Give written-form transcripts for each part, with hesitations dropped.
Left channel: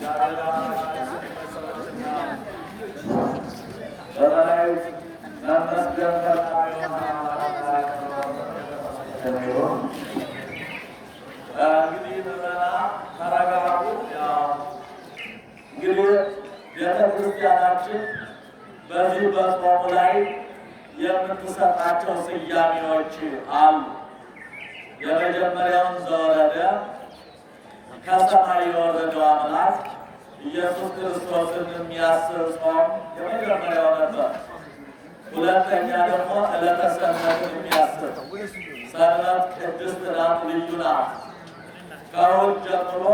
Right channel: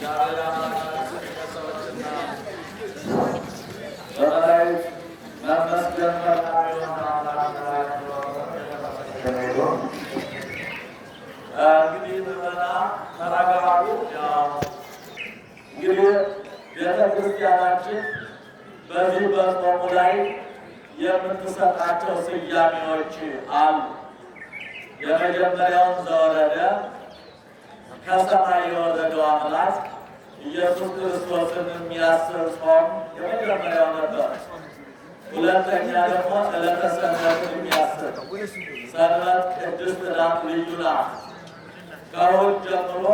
እግዚአብሔር አምላካችን በሰዎችና በመላእክት መመስገን መልካም የሆነ አምላክ ዛሬ የተመሰገነ ይሁን። እንግዲህ ምዕመናን ተረጋጉ። ያው እንግዲህ ቤተ ክርስቲያናችን በዚህ በጾሙ ላይ የምትሰጣቸው ስያሜዎች አሉ። የመጀመሪያውን ዘወረደ ከሰማይ የወረደው አምላክ ኢየሱስ ክርስቶስን የሚያስብ ጾም የመጀመሪያው ነበር። ሁለተኛ ደግሞ ዕለተ ሰንበትን የሚያስብ ሰንበት ቅድስት ናት፣ ልዩ ናት። ከእሑድ ጀምሮ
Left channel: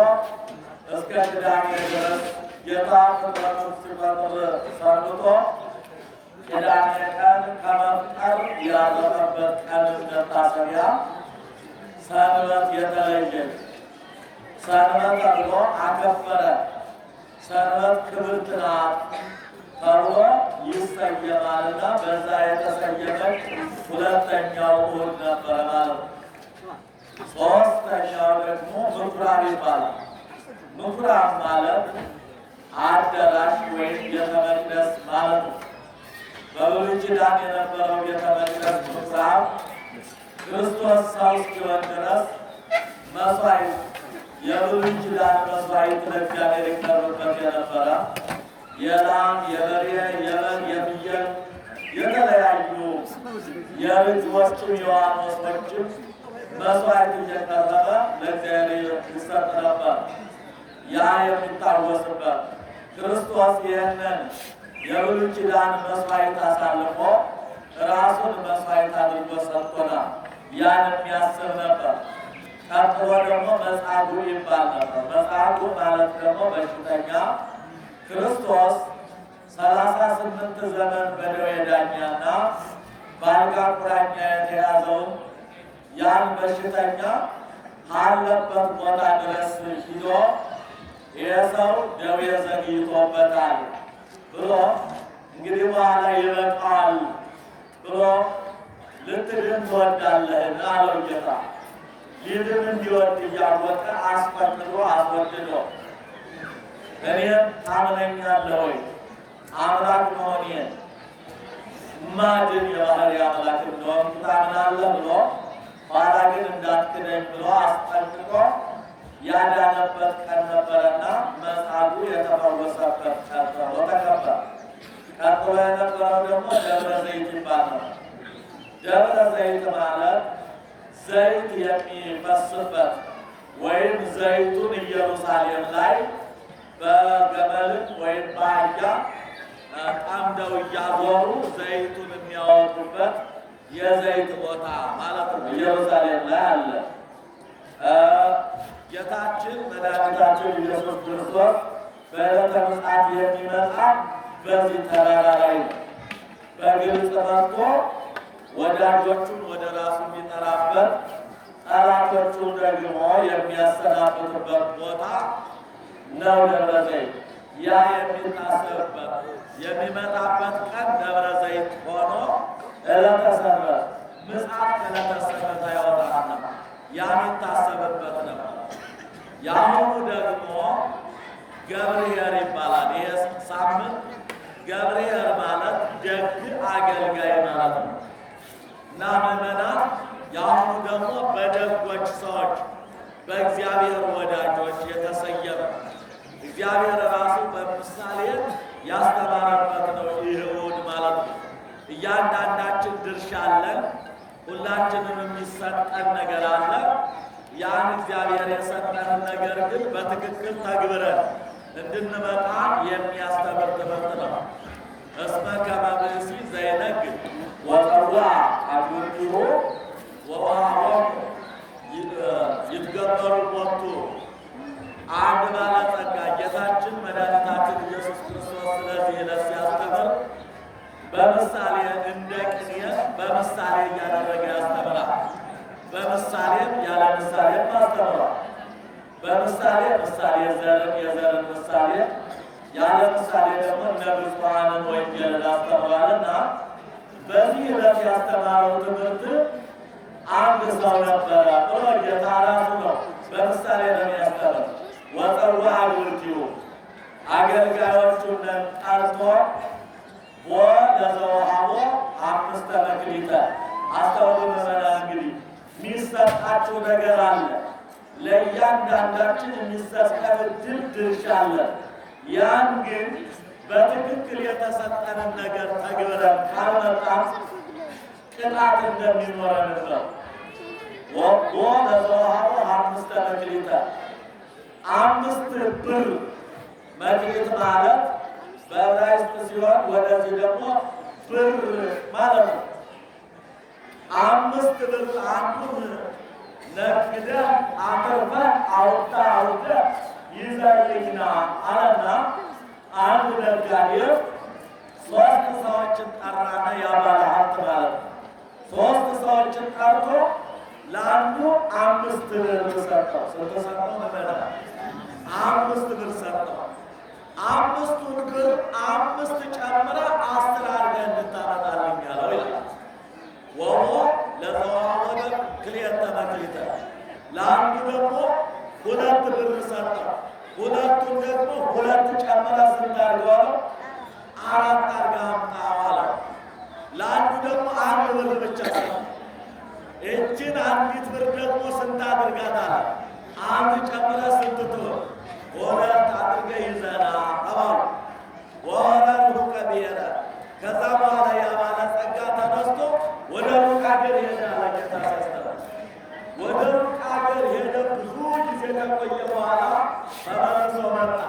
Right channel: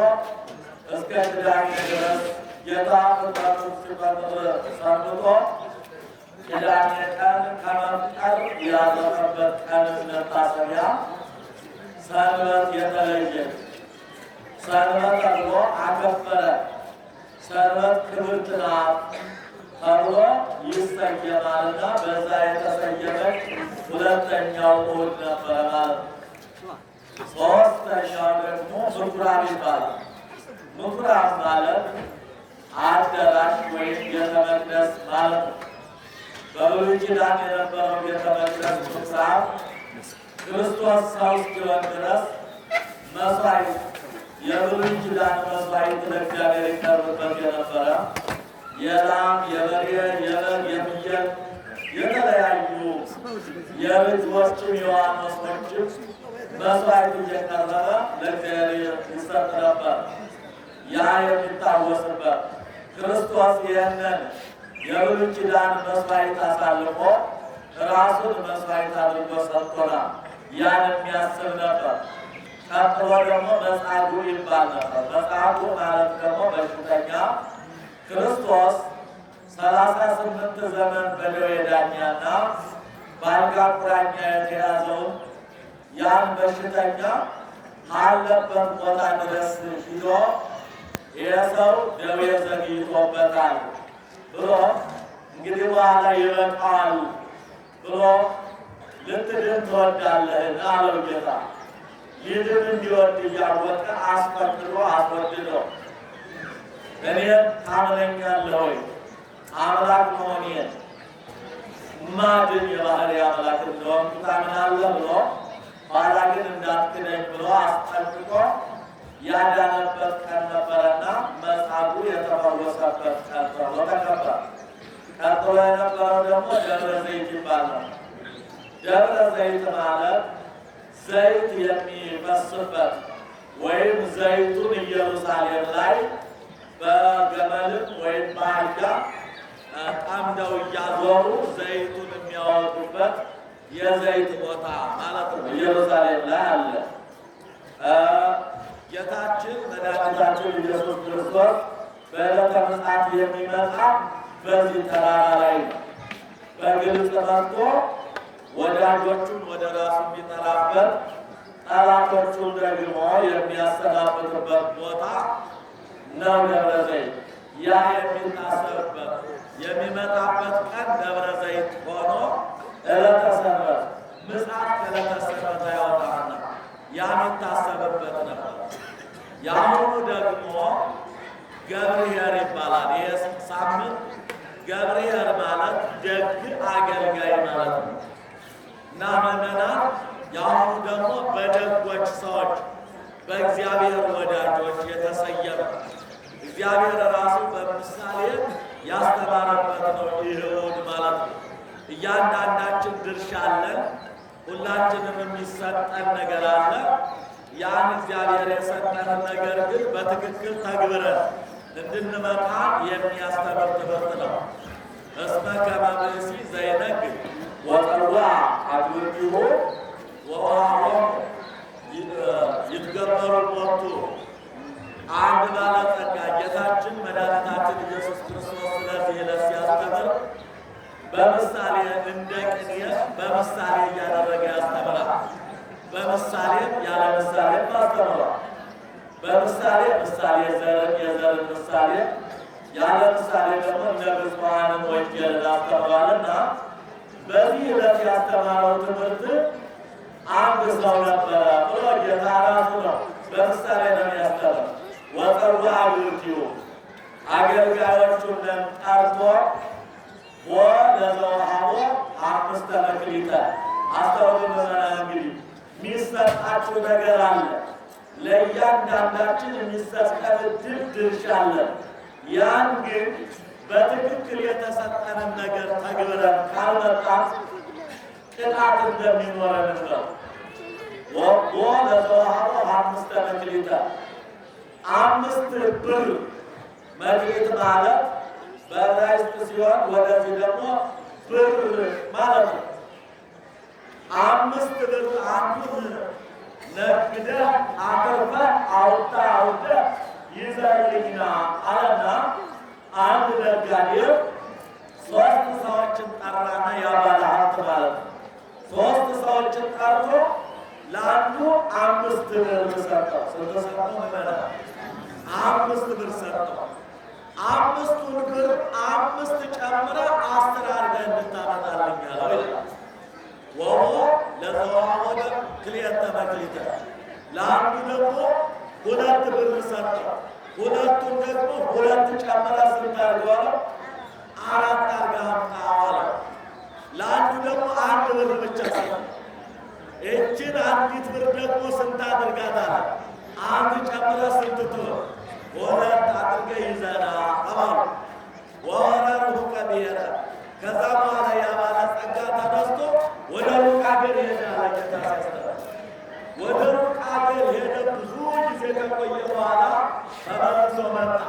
እስከ ቅዳሜ ድረስ ጌታ ፍጥረቱን ሲፈጥር ሰንብቶ ቅዳሜ ቀን ከመፍጠር ያረፈበት ቀን መታሰቢያ ሰንበት የተለየ ሰንበት ተብሎ አከበረ። ሰንበት ክብርት ናት ተብሎ ይሰየማልና በዛ የተሰየመች ሁለተኛው እሑድ ነበረ ማለት ነው። ሦስተኛው ደግሞ ምኩራብ ይባላል። ምኩራብ ማለት አዳራሽ ወይም ቤተ መቅደስ ማለት ነው። በብሉይ ኪዳን የነበረው ቤተ መቅደስ ምኩራብ ክርስቶስ ሰው እስኪሆን ድረስ መሥዋዕት የብሉይ ኪዳን መሥዋዕት ለእግዚአብሔር ይቀርብበት የነበረ የላም፣ የበሬ፣ የበግ፣ የፍየል የተለያዩ የርግቦችም የዋኖሶችም መሥዋዕት እየቀረበ ለእግዚአብሔር ይሰጥ ነበር። ያ የሚታወስበት ክርስቶስ ይህንን የብሉይ ኪዳን መሥዋዕት አሳልፎ ራሱን መሥዋዕት አድርጎ ሰጥቶናል። ያን የሚያስብ ነበር። ቀጥሎ ደግሞ መጻጉዕ ይባል ነበር። መጻጉዕ ማለት ደግሞ በሽተኛ ክርስቶስ 38 ዘመን በደዌ ዳኛና በአልጋ ቁራኛ የተያዘውን ያን በሽተኛ ካለበት ቦታ ድረስ ሂዶ ይህ ሰው ደዌ ዘግይቶበታል ብሎ እንግዲህ በኋላ ይበቃዋል ብሎ ልትድን ትወዳለህን አለው ጌታ። ሊድን እንዲወድ እያወቀ አስፈቅዶ አስወድዶ እኔን ታምነኛለህ ወይ አምላክ መሆኔን ማድን የባህሪ አምላክ እንደሆንኩ ታምናለህ ብሎ ኋላ ግን እንዳትክደኝ ብሎ አስጠንቅቆ ያዳነበት ቀን ነበረና መጻጉዕ የተፈወሰበት ቀን ተብሎ ተከበረ። ቀጥሎ የነበረው ደግሞ ደብረ ዘይት ይባል ነው። ደብረ ዘይት ማለት ዘይት የሚፈስበት ወይም ዘይቱን ኢየሩሳሌም ላይ በገመልም ወይም በአህያ ጠምደው እያዞሩ ዘይቱን የሚያወጡበት የዘይት ቦታ ማለት ነው። ኢየሩሳሌም ላይ አለ። ጌታችን መድኃኒታችን ኢየሱስ ክርስቶስ በዕለተ ምጽአት የሚመጣ በዚህ ተራራ ላይ በግልጽ መጥቶ ወዳጆቹን ወደ ራሱ የሚጠራበት ጠላቶቹን ደግሞ የሚያሰናብትበት ቦታ ነው ደብረ ዘይት። ያ የሚታሰብበት የሚመጣበት ቀን ደብረ ዘይት ሆኖ ዕለተ ሰንበት ምጽአት ከዕለተ ሰንበት አይወጣምና ያ የሚታሰብበት ነበር። የአሁኑ ደግሞ ገብርኄር ይባላል። ይህ ሳምንት ገብርኄር ማለት ደግ አገልጋይ ማለት ነው እና ምዕመናን የአሁኑ ደግሞ በደጎች ሰዎች በእግዚአብሔር ወዳጆች የተሰየመ እግዚአብሔር ራሱ በምሳሌ ያስተማረበት ነው ይህ እሑድ ማለት ነው። እያንዳንዳችን ድርሻ አለን። ሁላችንም የሚሰጠን ነገር አለ። ያን እግዚአብሔር የሰጠንን ነገር ግን በትክክል ተግብረን እንድንመጣ የሚያስተምር ትምህርት ነው። እስመ ከመ ብእሲ ዘይነግድ ወጸውዐ አግብርቲሁ ወወሀቦሙ ይትገበሩ ሎቱ። አንድ ባለጸጋ ጌታችን መድኃኒታችን ኢየሱስ ክርስቶስ ስለዚህ ዕለት ሲያስተምር በምሳሌ እንደ ቅኔ በምሳሌ እያደረገ ያስተምራል። በምሳሌም ያለ ምሳሌም አስተምሯል። በምሳሌ ምሳሌ ዘርን የዘርን ምሳሌ ያለ ምሳሌ ደግሞ እነ ብፁዓንን ወንጌልን አስተምሯልና በዚህ ዕለት ያስተማረው ትምህርት አንድ ሰው ነበረ ብሎ ጌታ ራሱ ነው በምሳሌ ነው የሚያስተምር። ወጸውዐ አግብርቲሁ አገልጋዮቹን ጠርቶ ለዘወሃቦ 5 መክሊተ አስተውሉ ምዕመናን። እንግዲህ የሚሰጣችሁ ነገር አለ። ለእያንዳንዳችን የሚሰጠን ዕድል ድርሻ አለ። ያን ግን በትክክል የተሰጠንን ነገር ተግብረን ካልመጣን ቅጣት እንደሚኖረን ነው። ለዘወሃቦ 5 መክሊተ 5 ብር መክሊት ማለት በዕብራይስጥ ሲሆን ወደዚህ ደግሞ ብር ማለት ነው። 5 ብር አንዱን ነግደህ አትርፈህ አውጥተህ ይዘህልኝና አለና አንድ ነጋዴ 3 ሰዎችን ጠራና ያባለ ሀብት ማለት ነው። 3 ሰዎችን ጠርቶ ለአንዱ 5 ብር ሰጠው። ስንት ሰጠው? ምመና 5 ብር ሰጠው። 5ቱን ብር 5 ጨምረህ 10 አድርገህ እንድታመጣልኝ አለው ይላል። ወሆ ለዘወሃቦ ክልኤተ መክሊተ ለአንዱ ደግሞ 2 ብር ሰጠው። 2ቱን ደግሞ 2 ጨምረህ ስንት አድርገው አለው? 4 አድርገህ አምጣው አለው። ለአንዱ ደግሞ 1 ብር ብቻ ሰጠው። እችን 1 ብር ደግሞ ስንት አድርጋት አለ? 1 ጨምረህ ስንት ትሆን? 2 አድርገህ ይዘና ተባሉ። ወወረርሁ ከብሔረ ከዛ በኋላ ያ ባለጸጋ ተነስቶ ወደ ሩቅ አገር ሄደ አለ ጌታ ሲያስተምር። ወደ ሩቅ አገር ሄደ። ብዙ ጊዜ ከቆየ በኋላ ተመልሶ መጣ።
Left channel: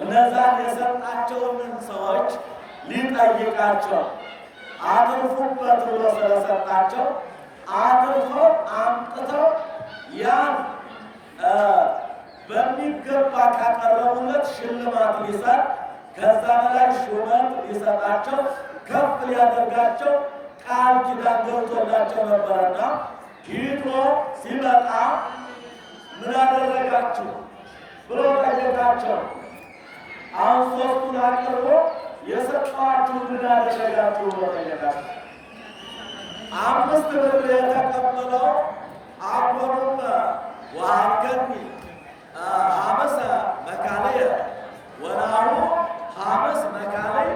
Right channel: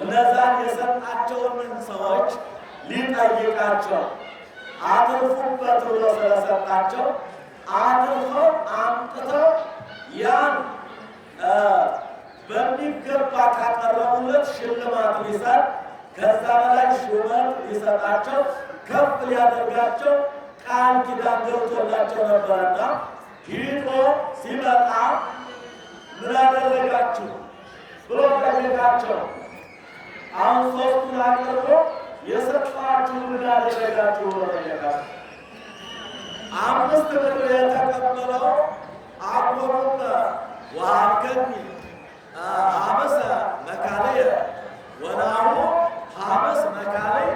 እነዛን የሰጣቸውን ሰዎች ሊጠይቃቸው አትርፉበት ብሎ ስለሰጣቸው አትርፈው አምጥተው ያን በሚገባ ካቀረቡለት ሽልማት ሊሰጥ ከዛ በላይ ሹመት ሊሰጣቸው ከፍ ሊያደርጋቸው ቃል ኪዳን ገብቶላቸው ነበረና ሂዶ ሲመጣ ምን አደረጋችሁ ብሎ ጠየቃቸው። አሁን 3ቱን አቅርቦ የሰጠኋችሁን ምን አደረጋችሁ ብሎ ጠየቃቸው። 5 ብር የተቀበለው አኮኑም ወሀብከኒ ሀመሰ መካለየ ወናሁ ሀመስ መካለይ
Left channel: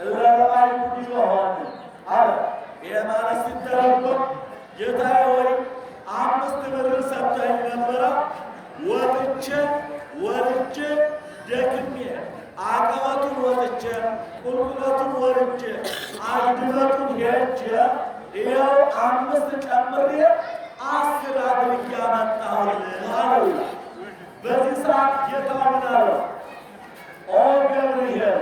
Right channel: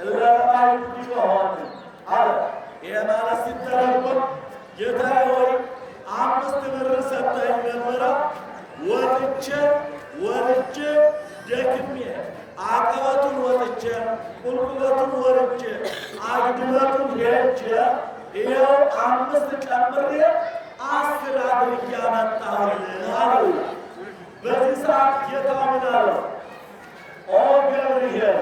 እለ ረአዩ ዲበ ሆነ አለ። ይሄ ማለት ሲተረጎም ጌታዬ ሆይ 5 ብር ሰጥተኸኝ ነበረ፣ ወጥቼ ወርጄ ደክሜ አቀበቱን ወጥቼ ቁልቁለቱን ወርጄ አግድመቱን ሄጄ ይኸው 5 ጨምሬ 10 አድርጌ አመጣሁልህ አለው። በዚህ ሰዓት ጌታው ምን አለው? ኦ ገብርኄር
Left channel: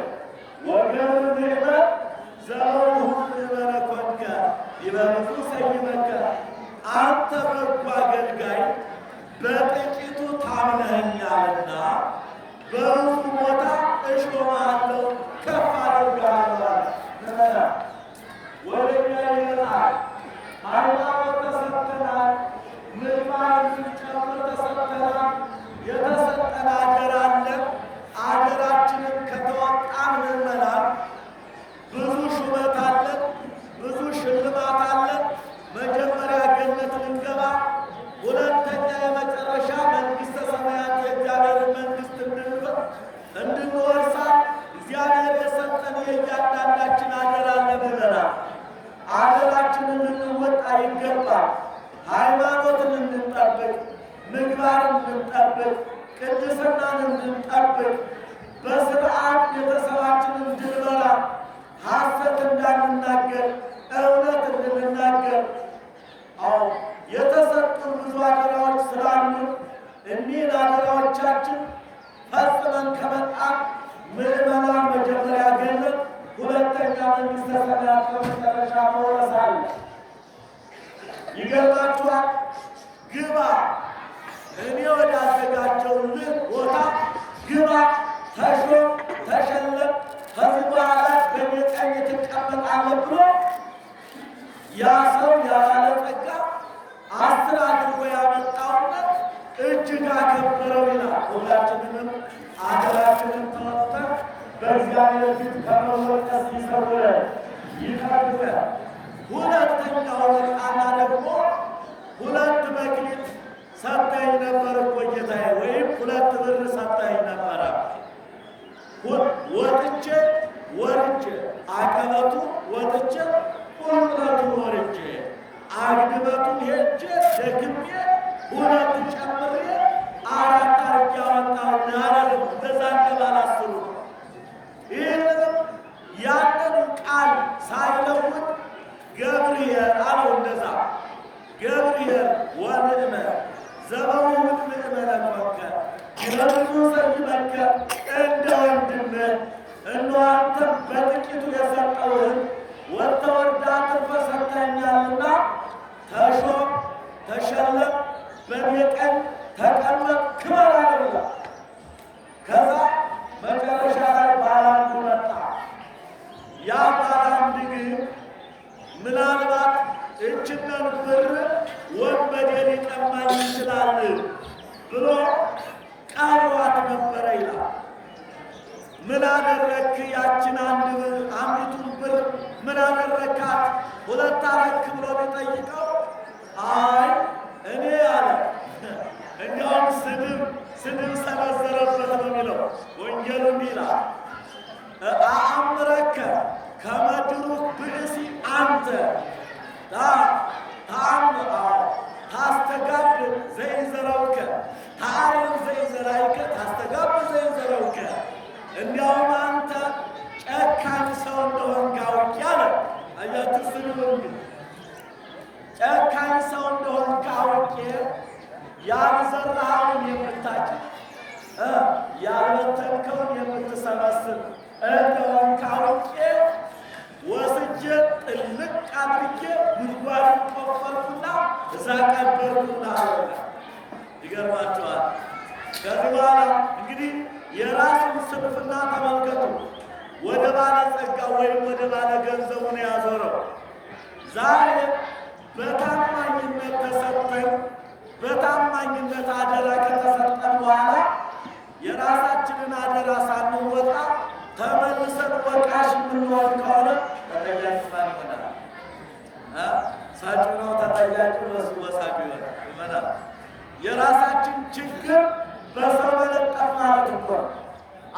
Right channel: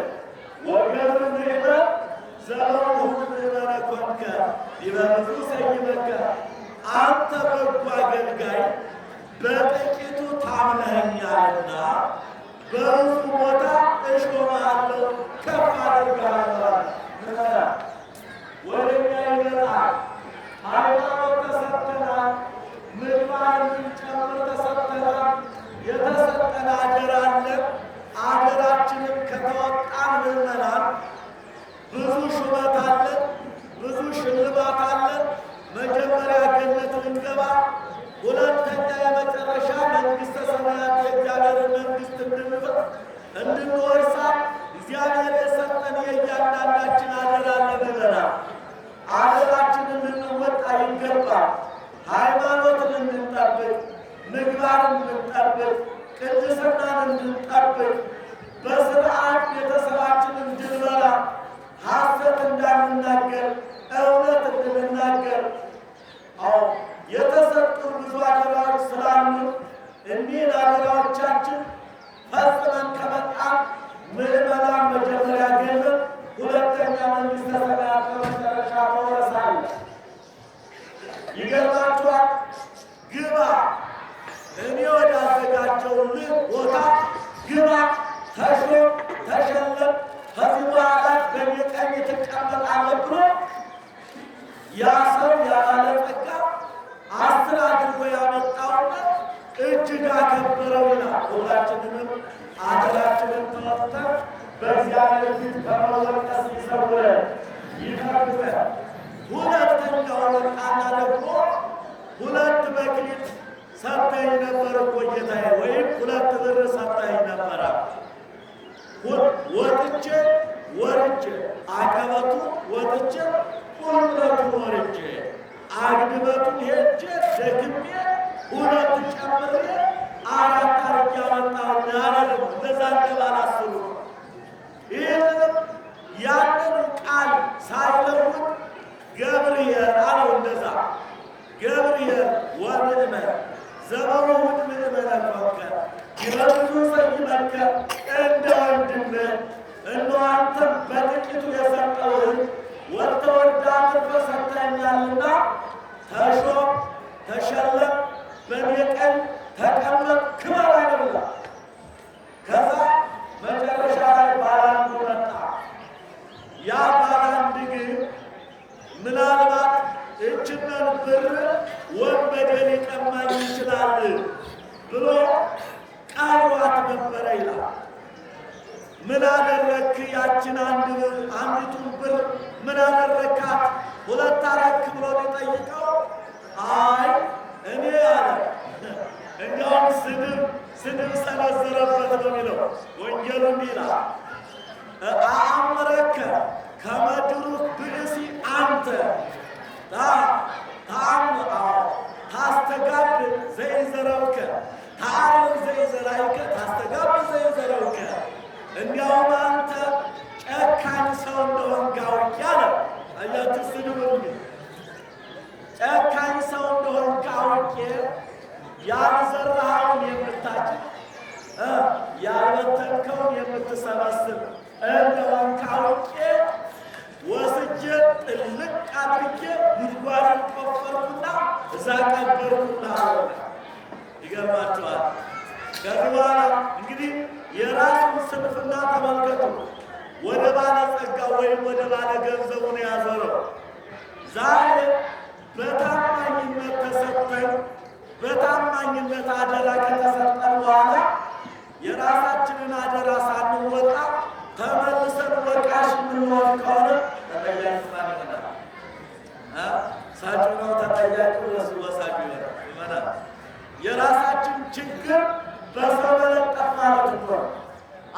ወገብር ምእመን ዘበውእቱ ምእመነ ኮንከ ዲበ ብዙ ሰይመከ። አንተ በጎ አገልጋይ በጥቂቱ ታምነኸኛልና በብዙ ቦታ እሾምሃለሁ፣ ከፍ አደርግሃለሁ። ወደ እኛ ይመጣል። ሃይማኖት ተሰጥተናል። ምግባር እንድንጨምር ተሰጥተናል። የተሰጠን አደራ አለ። አደራችንን ከተወጣን ምዕመናን ብዙ ሹመት አለን፣ ብዙ ሽልማት አለን። መጀመሪያ ገነት ልንገባ፣ ሁለተኛ የመጨረሻ መንግሥተ ሰማያት የእግዚአብሔርን መንግሥት እንድንወርሳ እግዚአብሔር የሰጠን የእያንዳንዳችን አደራ አለ። ምዕመናን አደራችንን ልንወጣ ይገባል። ሃይማኖትን እንድንጠብቅ፣ ምግባርን እንድንጠብቅ፣ ቅድስናን እንድንጠብቅ፣ በስርዓት ቤተሰባችንን እንድንመራ፣ ሐሰት እንዳንናገር፣ እውነት እንድንናገር። አዎ የተሰጡን ብዙ አደራዎች ስላሉ እኒህን አደራዎቻችን ፈጽመን ከመጣን ምዕመናን መጀመሪያ ገነት፣ ሁለተኛ መንግሥተ ሰማያት በመጨረሻ መውረስ አለ። ይገርማችኋል። ግባ እኔ ወዳዘጋጀሁልህ ቦታ ግባ፣ ተሾም፣ ተሸለም፣ ከዚህ በኋላ በእኔ ቀኝ ትቀመጣለህ ብሎ ያ ሰው ያ ባለጸጋ 10 አድርጎ ያመጣውና እጅግ አከበረው ይላል። ሁላችንንም አደራችንን ተወጥተን በእግዚአብሔር ፊት ከመወቀስ ይሰውረን ይጠብቀን። ሁለተኛው ወጣና ደግሞ 2 መክሊት ሰጠኝ ነበር እኮ ጌታዬ፣ ወይም 2 ብር ሰጠኝ ነበረ። ወጥቼ ወርጄ አቀበቱ ወጥቼ ቁልቁለቱን ወርጄ አግድመቱን ሄጄ ደግሜ ሁለት ጨምሬ አራት አርጌ አመጣሁልህ አለ። ደግሞ እንደዛ እንደባላስሩ ይህንንም ያንን ቃል ሳይለውጥ ገብርኤል አለው። እንደዛ ገብርኤል ወምእመን ዘበውሁድ ምእመነ ኮንከ ይረዱ ሰይመከ እንደ ወንድምህ እነሆ አንተም በጥቂቱ የሰጠውህን ወተወዳትን በሰጠኸኛልና ተሾም፣ ተሸለም፣ በእኔ ቀኝ ተቀመጥ፣ ክበር አለ። ከዛ መጨረሻ ላይ ባላንዱ መጣ። ያ ባላንድ ግን ምናልባት እችነን ብር ወንበዴ ሊቀማኝ ይችላል ብሎ ቀብሯት ነበረ ይላል። ምን አደረክ? ያችን አንዲቱን ብር ምን አደረካት? ሁለት አረክ ብሎ ቢጠይቀው አይ እኔ አለ እንዲያውም ስድብ ሰነዘረበት ነው የሚለው ወንጌሉ። እንዲህ ይላል አአምረከ ከመድሩክ ብእሲ አንተ ታስተጋብ ዘይዘረውከ ታአርም ዘይዘራይከ ታስተጋብ ዘይዘረውከ። እንዲያውም አንተ ጨካኝ ሰው እንደሆንክ አውቄ አለ። አያችሁ ስድብ ግን ጨካኝ ሰው እንደሆንክ አውቄ ያልዘራኸውን የምታጭድ ያልበተንከውን የምትሰበስብ እንደሆንክ አውቄ ወስጄ ጥልቅ አድርጌ ጉድጓድን ቆፈርኩና እዛ ቀበርኩና አለ። ይገርማችኋል። ከዚህ በኋላ እንግዲህ የራሱን ስንፍና ተመልከቱ። ወደ ባለ ጸጋ ወይም ወደ ባለ ገንዘቡን ያዞረው። ዛሬ በታማኝነት ተሰጥተን በታማኝነት አደራ ከተሰጠን በኋላ የራሳችንን አደራ ሳንወጣ ተመልሰን ወቃሽ የምንሆን ከሆነ ተጠያቂ ማን ይሆናል? ሳጩ ነው ተጠያቂ ወሳጩ ይሆናል። የራሳችን ችግር በሰው መለጠፍ ማለት እኮ ነው።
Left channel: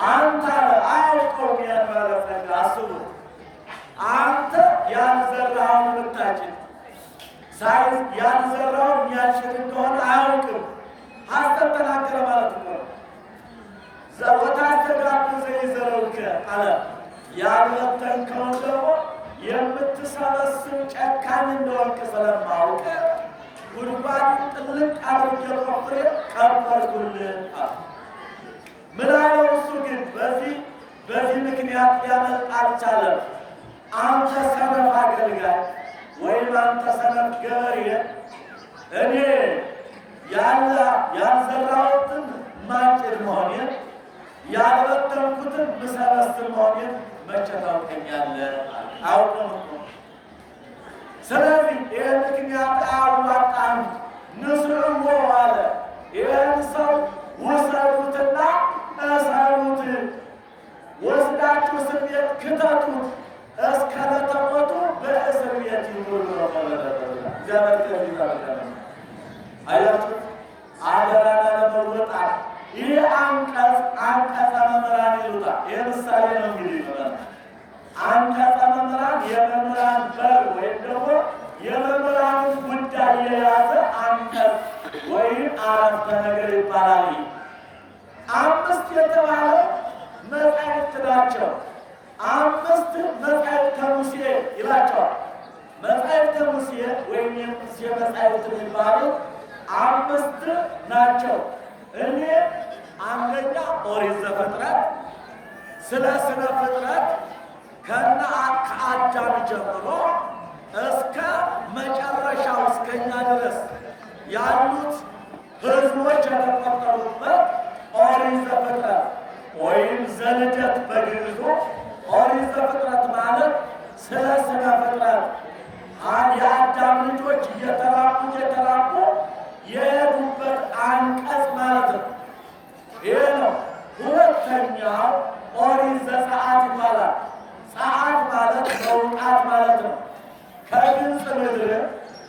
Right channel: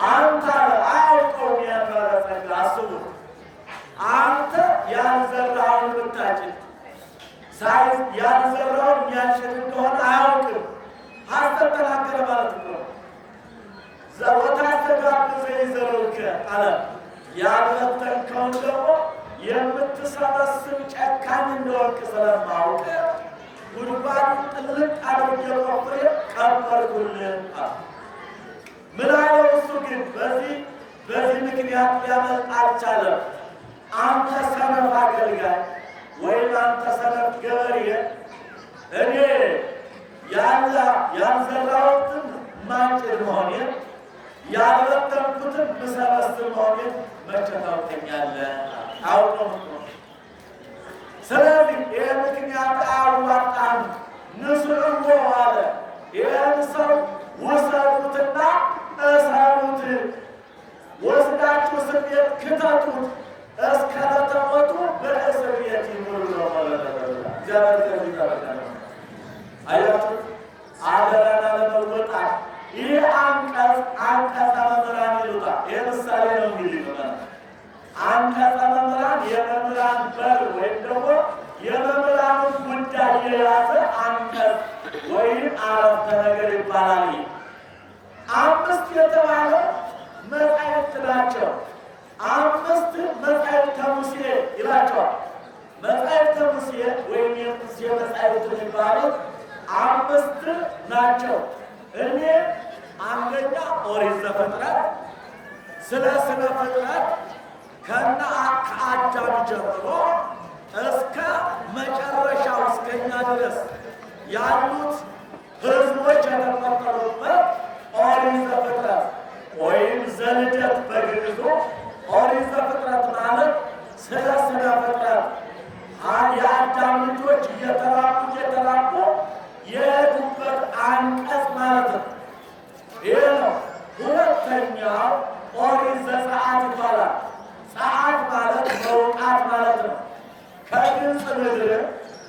አንተ አለ አያውቀውም ያን ባለጸጋ። አስቡ፣ አንተ ያልዘራኸውን ብታጭድ ያልዘራውን የሚያጭድ እንደሆነ አያውቅም። ሐሰት ተናገረ ማለት እኮ ነው። ወታስተጋብ ዘይዘረውከ አለ። ያልበተንከውን ደግሞ የምትሰበስብ ጨካኝ እንደሆንክ ስለማውቅ ጉድጓዱን ጥልቅ አድርጌ ቆፍሬ ቀበርኩልህ አለ። ምን አለው እሱ ግን በዚህ ምክንያት ሊያመልጥ አልቻለም። አንተ ሰነፍ አገልጋይ ወይም አንተ ሰነፍ ገበሬ፣ እኔ ያልዘራሁትን ማጭድ መሆኔን ያልበተንኩትን ምሰበስብ መሆኔን መቼ ታውቀኛለህ? አውቀም እኮ። ስለዚህ ይህ ምክንያት አያዋጣም። ንስርዎ አለ። ይህን ሰው ውሰዱትና እሰሩት፣ ወስዳችሁ እስር ቤት ክተቱት፣ እስከ ዕለተ ሞቱ በእስር ቤት ይኑር ነው እግዚአብሔር። አያችሁ አደራን አለመወጣት። ይህ አንቀጸ መምህራን ይሉታል። ይህ ምሳሌ ነው እንግዲህ አንቀጸ መምህራን የመምህራን በር ወይም ደግሞ የመምህራንን ጉዳይ የያዘ አንቀጽ ወይም አረፍተ ነገር ይባላል። አምስት የተባለው መጻሕፍት ናቸው። አምስት መጻሕፍተ ሙሴ ይላቸዋል። መጻሕፍተ ሙሴ ወይም የሙሴ መጻሕፍት የሚባሉት አምስት ናቸው። እኔ አንደኛ ኦሪት ዘፍጥረት ስለ ስነ ፍጥረት ከአዳም ጀምሮ እስከ መጨረሻው እስከኛ ድረስ ያሉት ሕዝቦች የተቆጠሩበት ኦሪት ዘፍጥረት ወይም ዘልደት በግዕዙ። ኦሪት ዘፍጥረት ማለት ስለ ስነ ፍጥረት የአዳም ልጆች እየተራቡ የሄዱበት አንቀጽ ማለት ነው። ይህ ነው። ሁለተኛው ኦሪት ዘጸአት ይባላል። ጸአት ማለት መውጣት ማለት ነው። ከግብፅ ምድር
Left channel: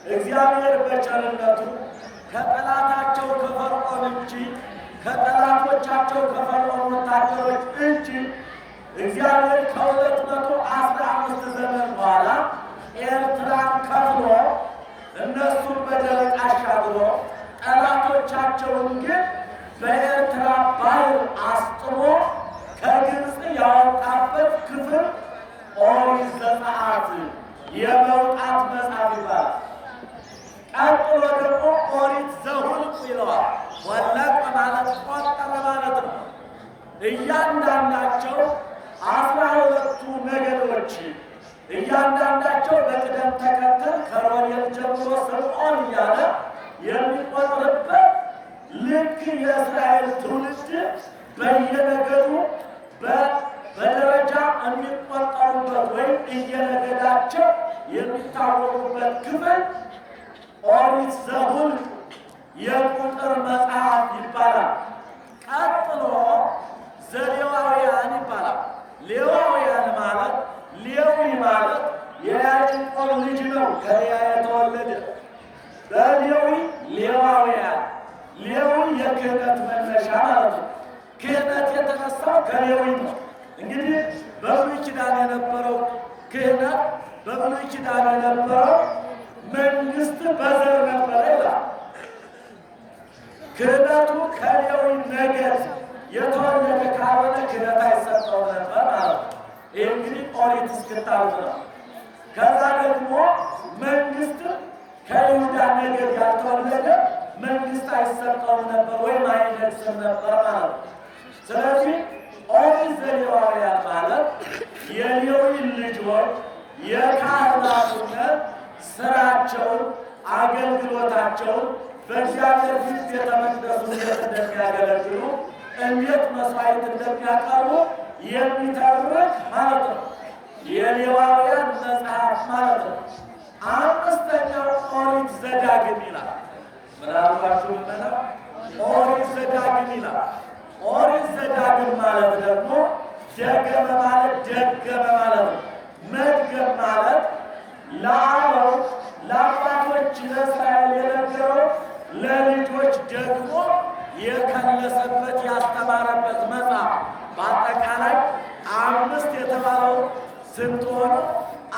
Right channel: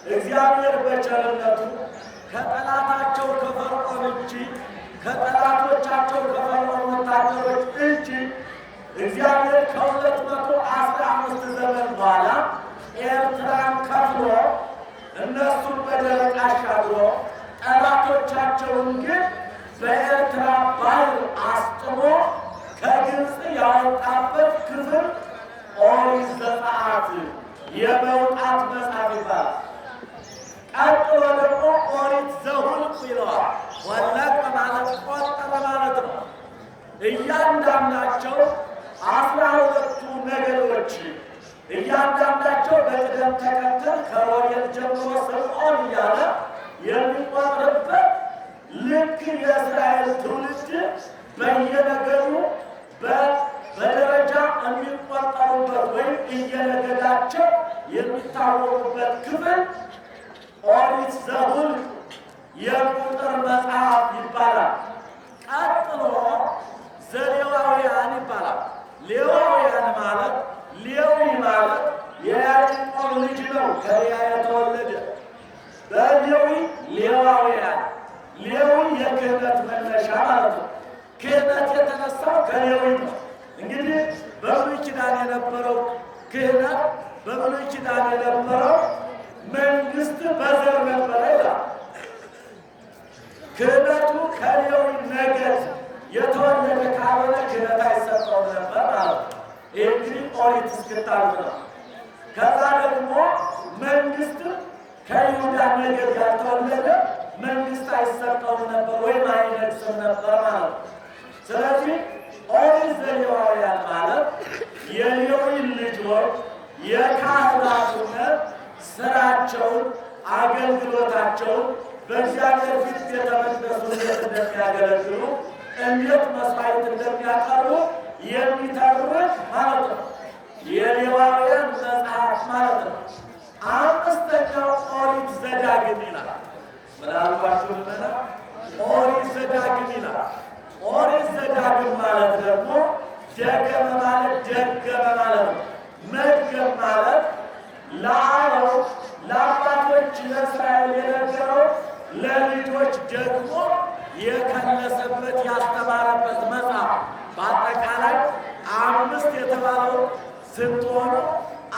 እግዚአብሔር በቸርነቱ ከጠላታቸው ከፈርዖን እጅ ከጠላቶቻቸው ከፈርዖን ወታደሮች እጅ ልጆቻቸውን ግን በኤርትራ ባህር አስጥሞ ከግብፅ ያወጣበት ክፍል ኦሪት ዘጸአት የመውጣት መጽሐፍ ይባላል። ቀጥሎ ደግሞ ኦሪት ዘኍልቍ ይለዋል። ወለቀ ማለት ቆጠረ ማለት ነው። እያንዳንዳቸው 12ቱ ነገዶች እያንዳንዳቸው በቅደም ተከተል ከሮቤል ጀምሮ ስምዖን እያለ የሚቆጥርበት ልክ የእስራኤል ትውልድ በየነገዱ በደረጃ የሚቆጠሩበት ወይም እየነገዳቸው የሚታወቁበት ክፍል ኦሪት ዘኍልቍ የቁጥር መጽሐፍ ይባላል። ቀጥሎ ዘሌዋውያን ይባላል። ሌዋውያን ማለት ሌዊ ማለት የያዕቆብ ልጅ ነው፣ ከልያ የተወለደ በሌዊ ሌዋውያን። ሌዊ የክህነት መነሻ ማለት ነው። ክህነት የተነሳው ከሌዊ ነው። እንግዲህ በብሉይ ኪዳን የነበረው ክህነት በብሉይ ኪዳን የነበረው መንግስት በዘር ነበረ ይላል። ክህነቱ ከሌዊ ነገድ የተወለደ ካልሆነ ክህነት አይሰጠውም ነበር ማለት ነው። ይህ እንግዲህ ኦሪት እስክታልፍ ነው። ከዛ ደግሞ መንግስት ከይሁዳ ነገድ ያልተወለደ መንግስት አይሰጠውም ነበር ወይም አይነግስም ነበር ማለት ነው። ስለዚህ ኦሪት ዘሌዋውያን ማለት የሌዊ ልጆች የካህናቱነት ስራቸውን አገልግሎታቸውን በእግዚአብሔር ፊት ቤተ መቅደሱ እንዴት እንደሚያገለግሉ እንዴት መስዋዕት እንደሚያቀርቡ የሚተርክ ማለት ነው። የሌዋውያን መጽሐፍ ማለት ነው። አምስተኛው ኦሪት ዘዳግም ይላል። ምናልባችሁ ልመና ኦሪት ዘዳግም ይላል። ኦሪት ዘዳግም ማለት ደግሞ ደገመ ማለት ደገመ ማለት ነው። መድገም ማለት ለአበው ለአባቶች ለእስራኤል የነገረው ለልጆች ደግሞ የከለሰበት ያስተማረበት መጽሐፍ። በአጠቃላይ 5 የተባለው ስንት ሆኑ?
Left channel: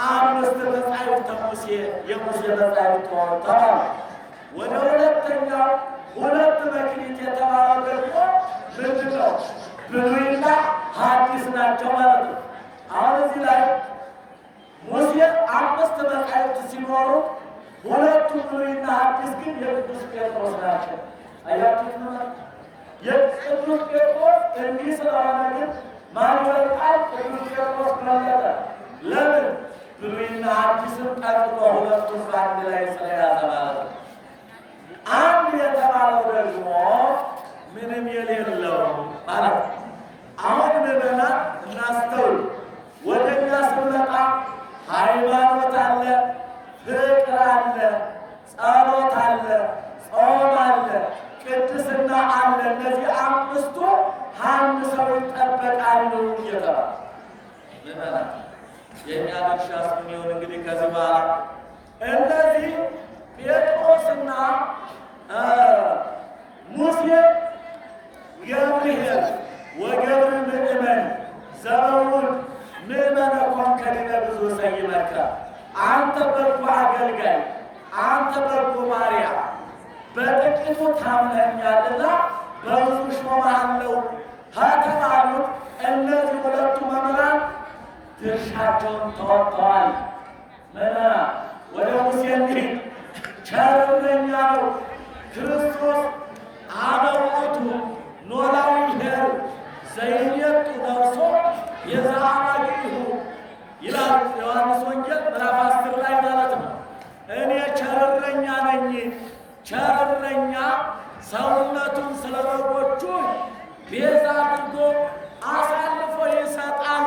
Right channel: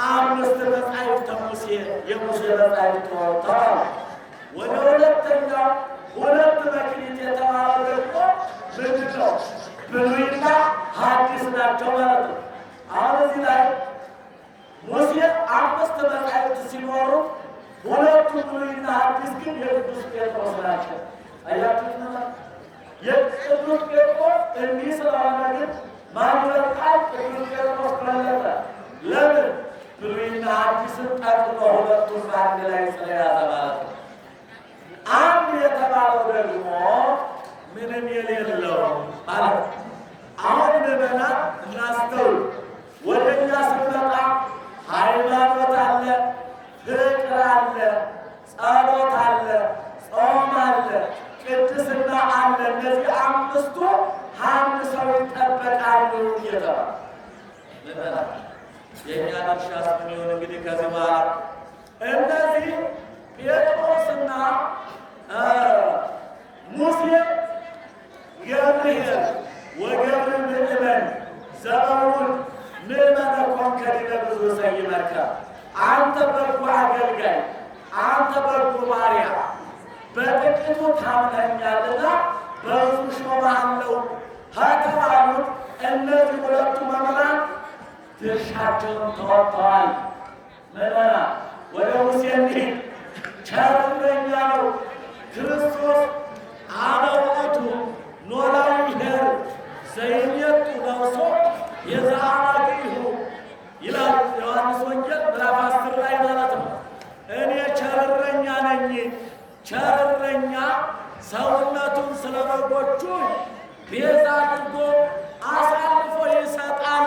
5 መጻሕፍተ ሙሴ የሙሴ መጻሕፍት ሆኑ ተባሉ። ወደ ሁለተኛው 2 መክሊት የተባለው ደግሞ ምንድን ነው? ብሉይና ሐዲስ ናቸው ማለት ነው። አሁን እዚህ ላይ ሙሴ 5 መጻሕፍት ሲኖሩ 2ቱ ብሉይና ሐዲስ ግን የቅዱስ ጴጥሮስ ናቸው። አያችሁት ማለት የቅዱስ ጴጥሮስ እንዲህ ስለሆነ ግን ማን ይበልጣል? ቅዱስ ጴጥሮስ በለጠ። ለምን? ብሉይና ሐዲስን ጠቅሎ 2ቱን በአንድ ላይ ስለያዘ ማለት ነው። አንድ የተባለው ደግሞ ምንም የሌለው ማለት ነው። አሁን ምዕመናን እናስተውል። ወደ እኛ ስንመጣ ሃይማኖት አለ፣ ፍቅር አለ፣ ጸሎት አለ፣ ጾም አለ፣ ቅድስና አለ። እነዚህ 5ቱ አንድ ሰው ይጠበቃሉ እየተባለ ምዕመናን የእኛ ድርሻስ ምን ይሆን? እንግዲህ ከዚህ በኋላ እነዚህ ጴጥሮስና ሙሴ ገብርኄር ወገብር ምእመን ዘበውን ምእመነ ኮንከ ዲበ ብዙ ሰይመከ፣ አንተ በጎ አገልጋይ፣ አንተ በጎ ባሪያ በጥቂቱ ታምነኛልና በብዙ ሾምሃለሁ ከተባሉት እነዚህ 2ቱ መምህራን ድርሻቸውን ተወጥተዋል። ምዕመናን ወደ ሙሴ እንሂድ። ቸር እረኛ ነው ክርስቶስ አነ ውእቱ ኖላዊ ኄር ዘይሜጡ ነፍሶ የዘአባግዒሁ ይላል ዮሐንስ ወንጌል ምዕራፍ 10 ላይ ማለት ነው። እኔ ቸር እረኛ ነኝ። ቸር እረኛ ሰውነቱን ስለ በጎቹ ቤዛ አድርጎ አሳልፎ ይሰጣል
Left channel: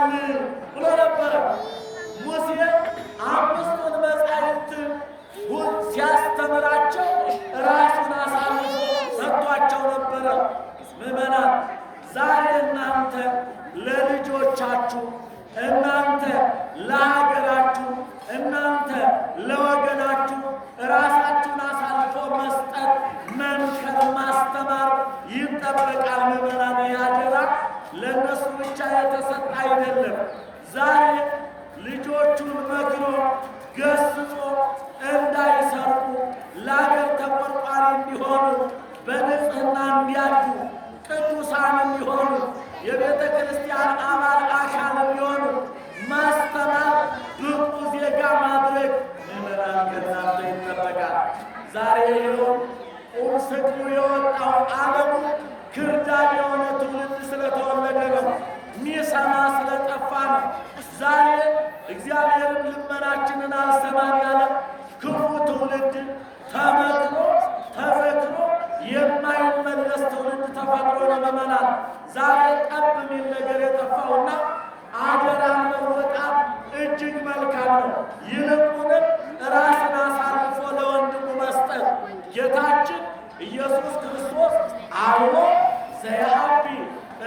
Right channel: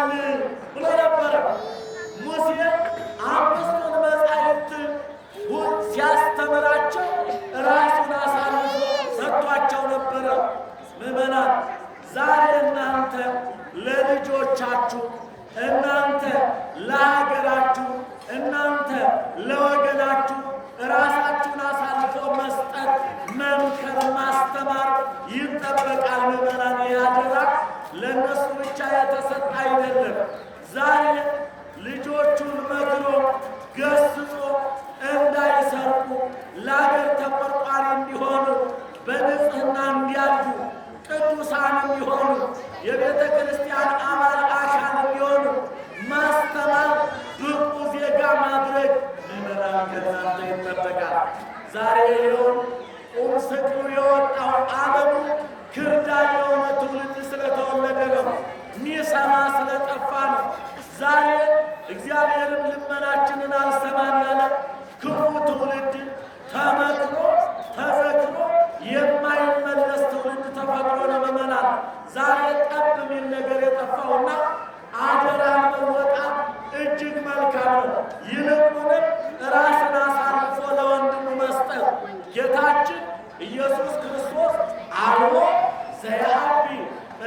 ብሎ ነበረ። ሙሴ 5ቱን መጻሕፍት ሲያስተምራቸው ራሱን አሳልፎ ሰጥቷቸው ነበረ። ምዕመናን ዛሬ እናንተ ለልጆቻችሁ፣ እናንተ ለሀገራችሁ፣ እናንተ ለወገናችሁ ራሳችሁን አሳልፎ መስጠት፣ መምከር፣ ማስተማር ይጠበቃል። ምዕመናን ያደራ ለእነሱ ብቻ የተሰጠ አይደለም። ዛሬ ልጆቹን መክሮ ገስጾ እንዳይሰርቁ ለአገር ተቆርቋሪ እንዲሆኑ በንጽሕና እንዲያድጉ ቅዱሳንም ይሆኑ የቤተ ክርስቲያን አባል አካል እንዲሆኑ ማስተማር፣ ብቁ ዜጋ ማድረግ ምዕመናን ከእናንተ ይጠበቃል። ዛሬ ይኸው ቁም ስቅሉ የወጣው ዓለሙ ክርዳድ የሆነ ትውልድ ስለተወለደ ነው። ሚሰማ ስለጠፋ ነው። ዛሬ እግዚአብሔርም ልመናችንን አልሰማን ያለ ክፉ ትውልድ ተመክሮ ተዘክሮ የማይመለስ ትውልድ ተፈጥሮ ነው። ምዕመናን ዛሬ ጠብ የሚል ነገር የጠፋውና አደራን መወጣት እጅግ መልካም ነው። ይልቁንም ራስን አሳልፎ ለወንድሙ መስጠት ጌታችን ኢየሱስ ክርስቶስ አልቦ ዘያቢ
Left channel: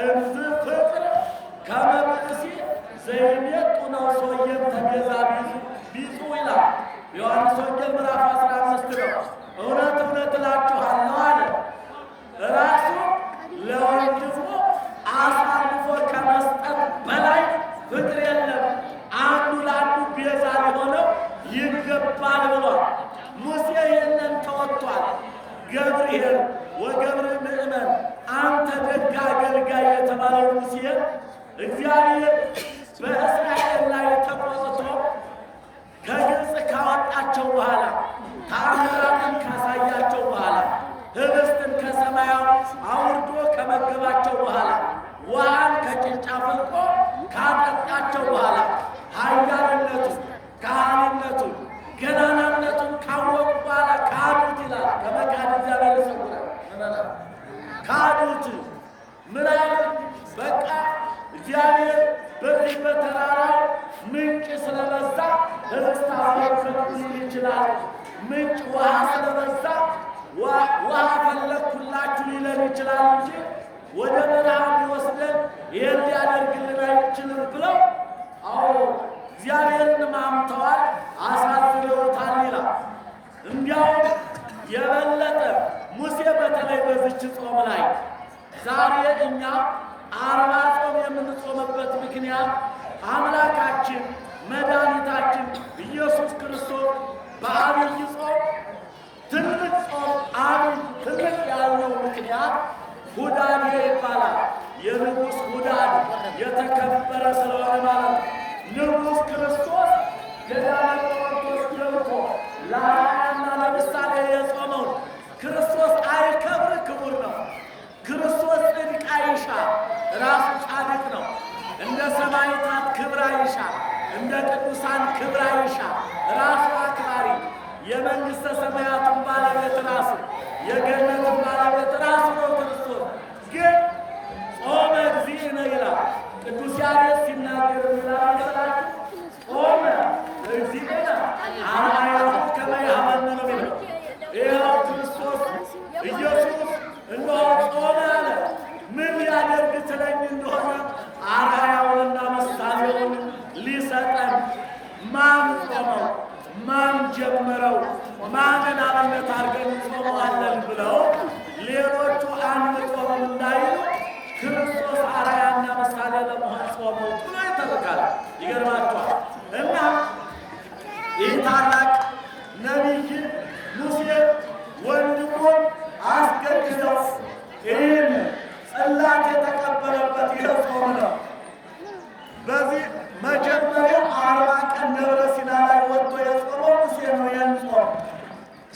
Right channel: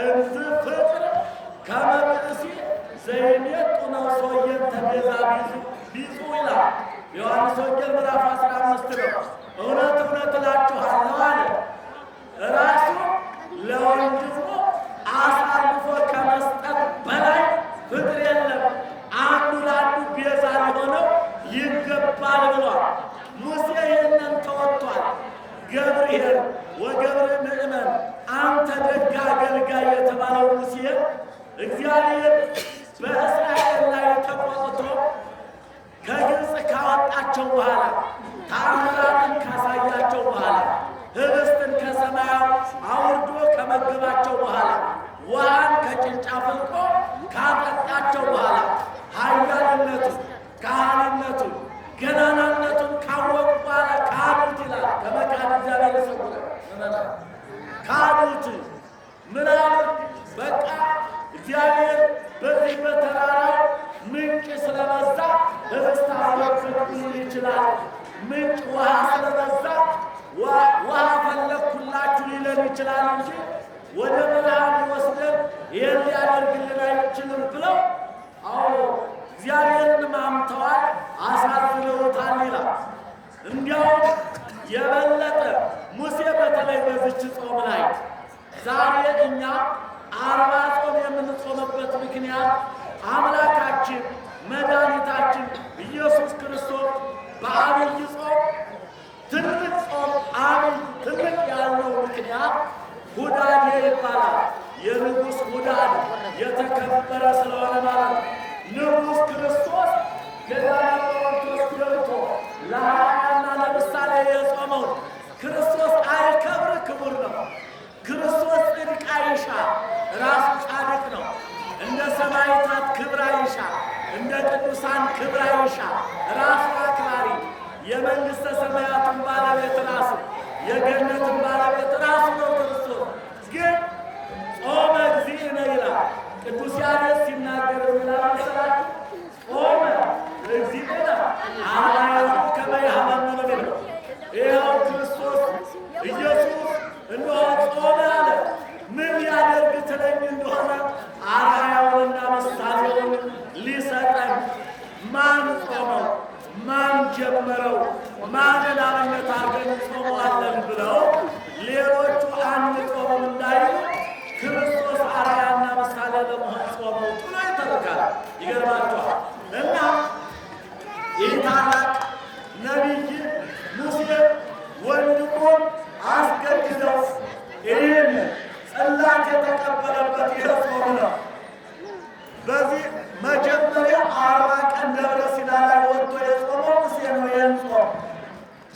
እንዝ ፍቅር ከመ ብእሲ ዘይሜጡ ነፍሶ እየንተቤዛ ቢጹ ይላል ዮሐንስ ወንጌል ምዕራፍ 15 ነው። እውነት እውነት እላችኋለሁ አለ ራሱን ለወንድሙ አሳልፎ ከመስጠት በላይ ፍቅር የለም። አንዱ ለአንዱ ቤዛ ሊሆነው ይገባል ብሏል። ሙሴ ይህንን ተወጥቷል። ገብርኄር ወገብር ምእመን አንተ ደግ አገልጋይ የተባለው ሙሴ እግዚአብሔር በእስራኤል ላይ ተቆጥቶ ከግብፅ ካወጣቸው በኋላ ተአምራትን ካሳያቸው በኋላ ህብስትን ከሰማያው አውርዶ ከመገባቸው በኋላ ውሃን ከጭንጫ ፍልቆ ካጠጣቸው በኋላ ኃያልነቱን ከሃሊነቱን ገናናነቱን ካወቁ በኋላ ካዱት ይላል። ከመካድ እግዚአብሔር ይሰውራል። ካዱት። ምን አሉት? በቃ እግዚአብሔር በዚህ በተራራው ምንጭ ስለበዛ ህብስት አበረከትኩ ሊል ይችላል። ምንጭ ውሃ ስለበዛ ውሃ ፈለግኩላችሁ ሊለን ይችላል እንጂ ወደ በረሃ ሊወስደን ይህን ሊያደርግልን አይችልም ብለው አዎ እግዚአብሔርን ማምተዋል፣ አሳዝነውታል ይላል። እንዲያውም የበለጠ ሙሴ በተለይ በዚች ጾም ላይ ዛሬ እኛ 40 ጾም የምንጾምበት ምክንያት አምላካችን መድኃኒታችን ኢየሱስ ክርስቶስ በአብይ ጾም ትልቅ ጾም አብይ ትልቅ ያለው ምክንያት ሁዳዴ ይባላል። የንጉሥ ሁዳድ የተከበረ ስለሆነ ማለት ነው። ንጉሥ ክርስቶስ ገዳመ ቆሮንቶስ ገብቶ ለአርአያና ለምሳሌ የጾመውን ክርስቶስ አይከብር፣ ክቡር ነው። ክርስቶስ ጽድቅ አይሻ፣ ራሱ ጻድቅ ነው። እንደ ሰማዕታት ክብር አይሻ፣ እንደ ቅዱሳን ክብር አይሻ፣ ራሱ አክባሪ፣ የመንግሥተ ሰማያትን ባለቤት ራሱ፣ የገነትን ባለቤት ራሱ ነው። ክርስቶስ ግን ጾመ እግዚእነ ይላል ቅዱስ ያሬድ ሲናገር ይላል መሰላችሁ? ጾመ እግዚእነ አርአያሁ ከመ ይሃበነ ነው የሚለው። ይኸው ክርስቶስ ኢየሱስ እነሆ ጾመ አለ። ምን ሊያደርግ ትለኝ እንደሆነ አርአያውንና ምሳሌውን ሊሰጠን። ማን ጾመው? ማን ጀመረው? ማንን አብነት አድርገን ጾመዋለን ብለው ሌሎቹ አንጾምም እንዳይሉ ክርስቶስ አርአያና ምሳሌ ለመሆን ጾመው ብሎ ይተርካል። ይገርማችኋል። እና ይህ ታላቅ ነቢይ ሙሴ ወንድሙን አስገድደው ይህን ጽላት የተቀበለበት ይህ ጾም ነው። በዚህ መጀመሪያ 40 ቀን ደብረ ሲና ላይ ወጥቶ የጾመው ሙሴ ነው። ይህን ጾም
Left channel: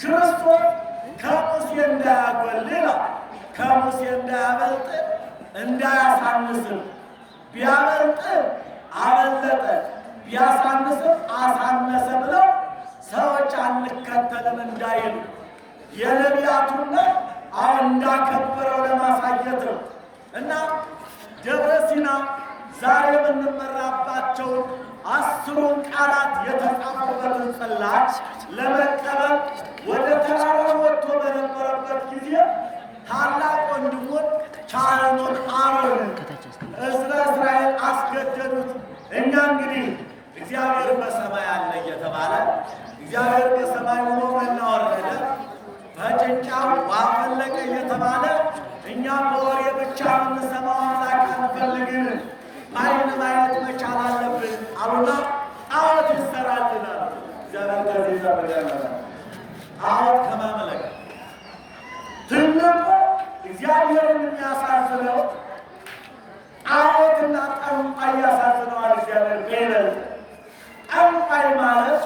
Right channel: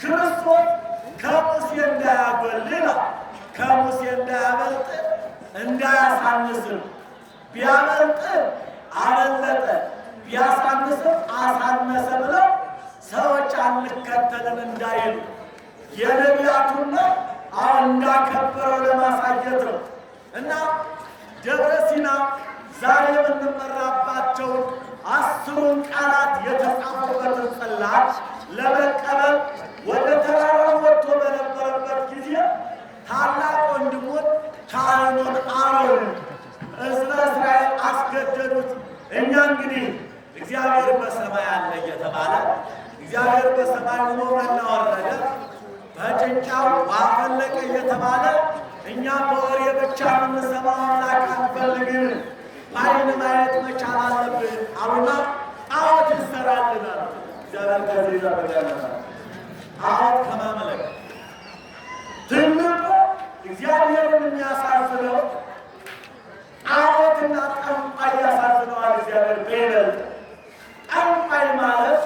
ክርስቶስ ከሙሴ እንዳያጎል ይላል፣ ከሙሴ እንዳያበልጥ እንዳያሳንስም፣ ቢያበልጥ አበለጠ ቢያሳንስም አሳነሰ ብለው ሰዎች አንከተልም እንዳይሉ የነቢያቱን አሁን እንዳከበረው ለማሳየት ነው። እና ደብረ ሲና ዛሬ የምንመራባቸውን 10ሩን ቃላት የተጻፉበትን ጽላት ለመቀበል ወደ ተራራው ወጥቶ በነበረበት ጊዜ ታላቅ ወንድሙን ካህኑን አሮንን ሕዝበ እስራኤል አስገደዱት። እኛ እንግዲህ እግዚአብሔር በሰማይ አለ እየተባለ እግዚአብሔር በሰማይ ሆኖ መና ወረደ፣ በጭንጫው ውሃ ፈለቀ እየተባለ እኛ በወሬ ብቻ የምንሰማው አምላክ አንፈልግም፣ በዓይን ማየት መቻል አለብን አሉና ጣዖት ይሰራልን አሉት። እግዚአብሔር ከዚህ ይጠብቀናል። ጣዖት ከማምለክ ትልቁ እግዚአብሔርን የሚያሳዝነው ጣዖትና ጠንቋይ ያሳዝነዋል። እግዚአብሔር በይበልጥ ጠንቋይ ማለት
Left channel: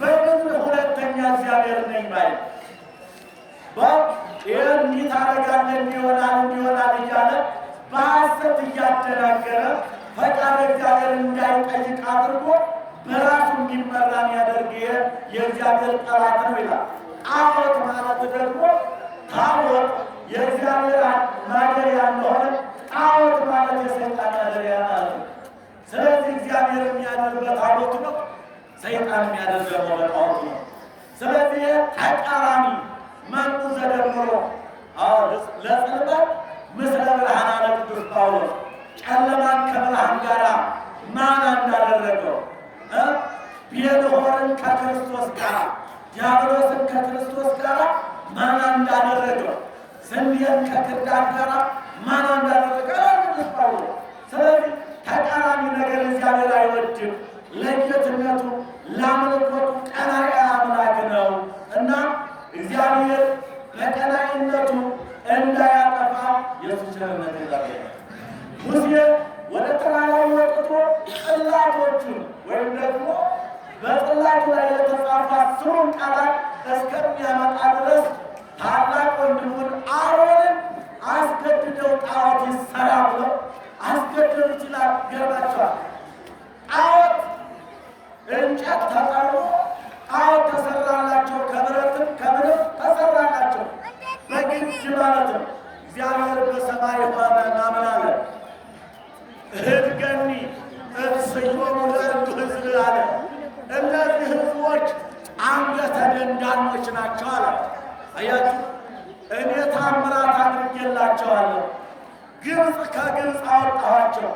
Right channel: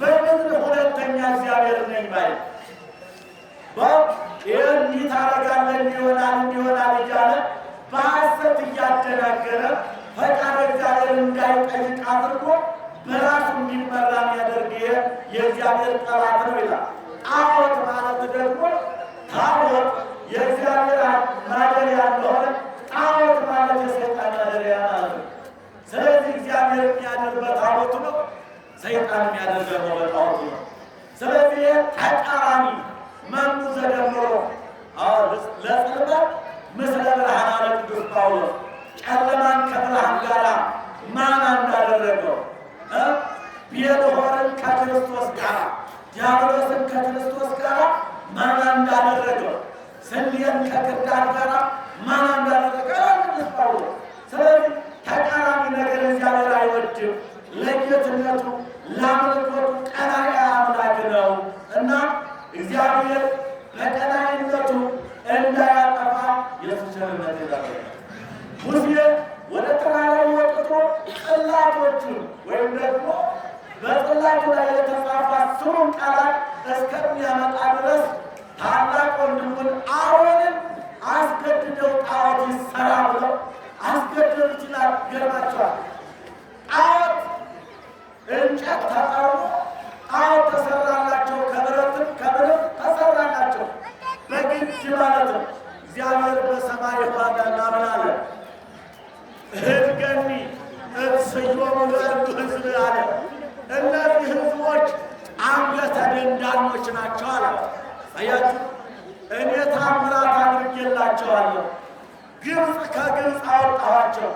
በምድር ሁለተኛ እግዚአብሔር ነኝ ባይ ይህን እንዲህ ታደርጋለህ እንዲሆናል እያለ በሐሰት እያደናገረ ፈቃድ እግዚአብሔር እንዳይጠይቅ አድርጎ በራሱ እንዲመራ የሚያደርግ የእግዚአብሔር ጠላት ነው ይላል። ጣዖት ማለት ደግሞ ታቦት የእግዚአብሔር ማደሪያ እንደሆነ ጣዖት ማለት የሰይጣን ማደሪያ ማለት ነው። ስለዚህ እግዚአብሔር የሚያድር በታቦቱ ነው፣ ሰይጣን የሚያድር ደግሞ በጣዖቱ ነው። ስለዚህ ተቃራኒ መኑ ዘደምሮ ለጽልመት ምስለ ብርሃን አለ ቅዱስ ጳውሎስ። ጨለማን ከብርሃን ጋር ማን እንዳደረገው ቤልሆርን ከክርስቶስ ጋር ዲያብሎስን ከክርስቶስ ጋር ማን እንዳደረገው ስንዴን ከክርዳድ ጋር ማን እንዳደረገ ቅዱስ ጳውሎስ። ስለዚህ ተቃራኒ ነገር እግዚአብሔር አይወድም። ለጌትነቱ ለአምልኮቱ ቀናኢ አምላክ ነው እና እግዚአብሔር በቀናኢነቱ እንዳያጠፋ የእሱ ቸርነት ይዛል። ሙሴ ወደ ተራራው ወጥቶ ጽላቶቹን ወይም ደግሞ በጽላቱ ላይ የተጻፉ 10 ቃላት እስከሚያመጣ ድረስ ታላቅ ወንድሙን አሮንን አስገድደው ጣዖት ይሰራ ብለው አስገደሉት ይላል። ገርባቸዋል። ጣዖት እንጨት ተጠርቦ ጣዖት ተሰራላቸው። ከብረትም ከምንም ተሰራላቸው በግድ ማለት ነው። እግዚአብሔር በሰማይ ሆነና ምን አለ? እድገኒ እትስዮሙ ለእሉ ሕዝብ አለ። እነዚህ ሕዝቦች አንገተ ደንዳኖች ናቸው አለ። አያችሁ፣ እኔ ታምራት አድርጌላቸዋለሁ። ግብፅ ከግብፅ አወጣኋቸው።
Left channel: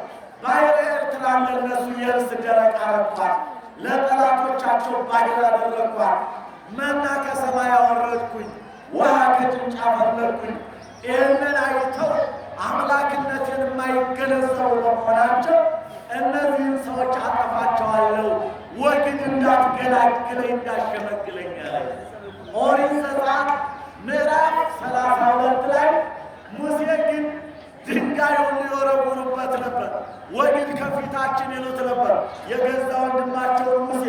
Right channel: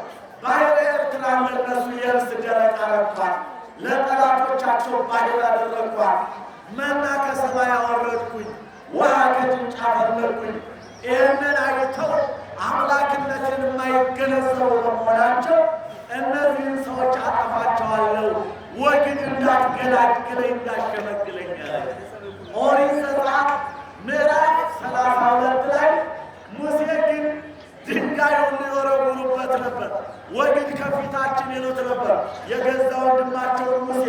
ባሕረ ኤርትራን ለእነሱ የብስ ደረቅ አረኳት። ለጠላቶቻቸው ባሕር አደረግኳት። መና ከሰማይ አወረድኩኝ፣ ውሃ ከጭንጫ ፈለግኩኝ። ይህንን አይተው አምላክነትን የማይገነዘቡ በመሆናቸው እነዚህን ሰዎች አጠፋቸዋለሁ፣ ወግድ እንዳትገላግለኝ እንዳሸመግለኝ አለኝ። ኦሪት ዘጸአት ምዕራፍ 32 ላይ ሙሴ ግን ድንጋዩን ሊወረውሩበት ነበር። ወግድ ከፊታችን ይሉት ነበር። የገዛ ወንድማቸውን ሙሴ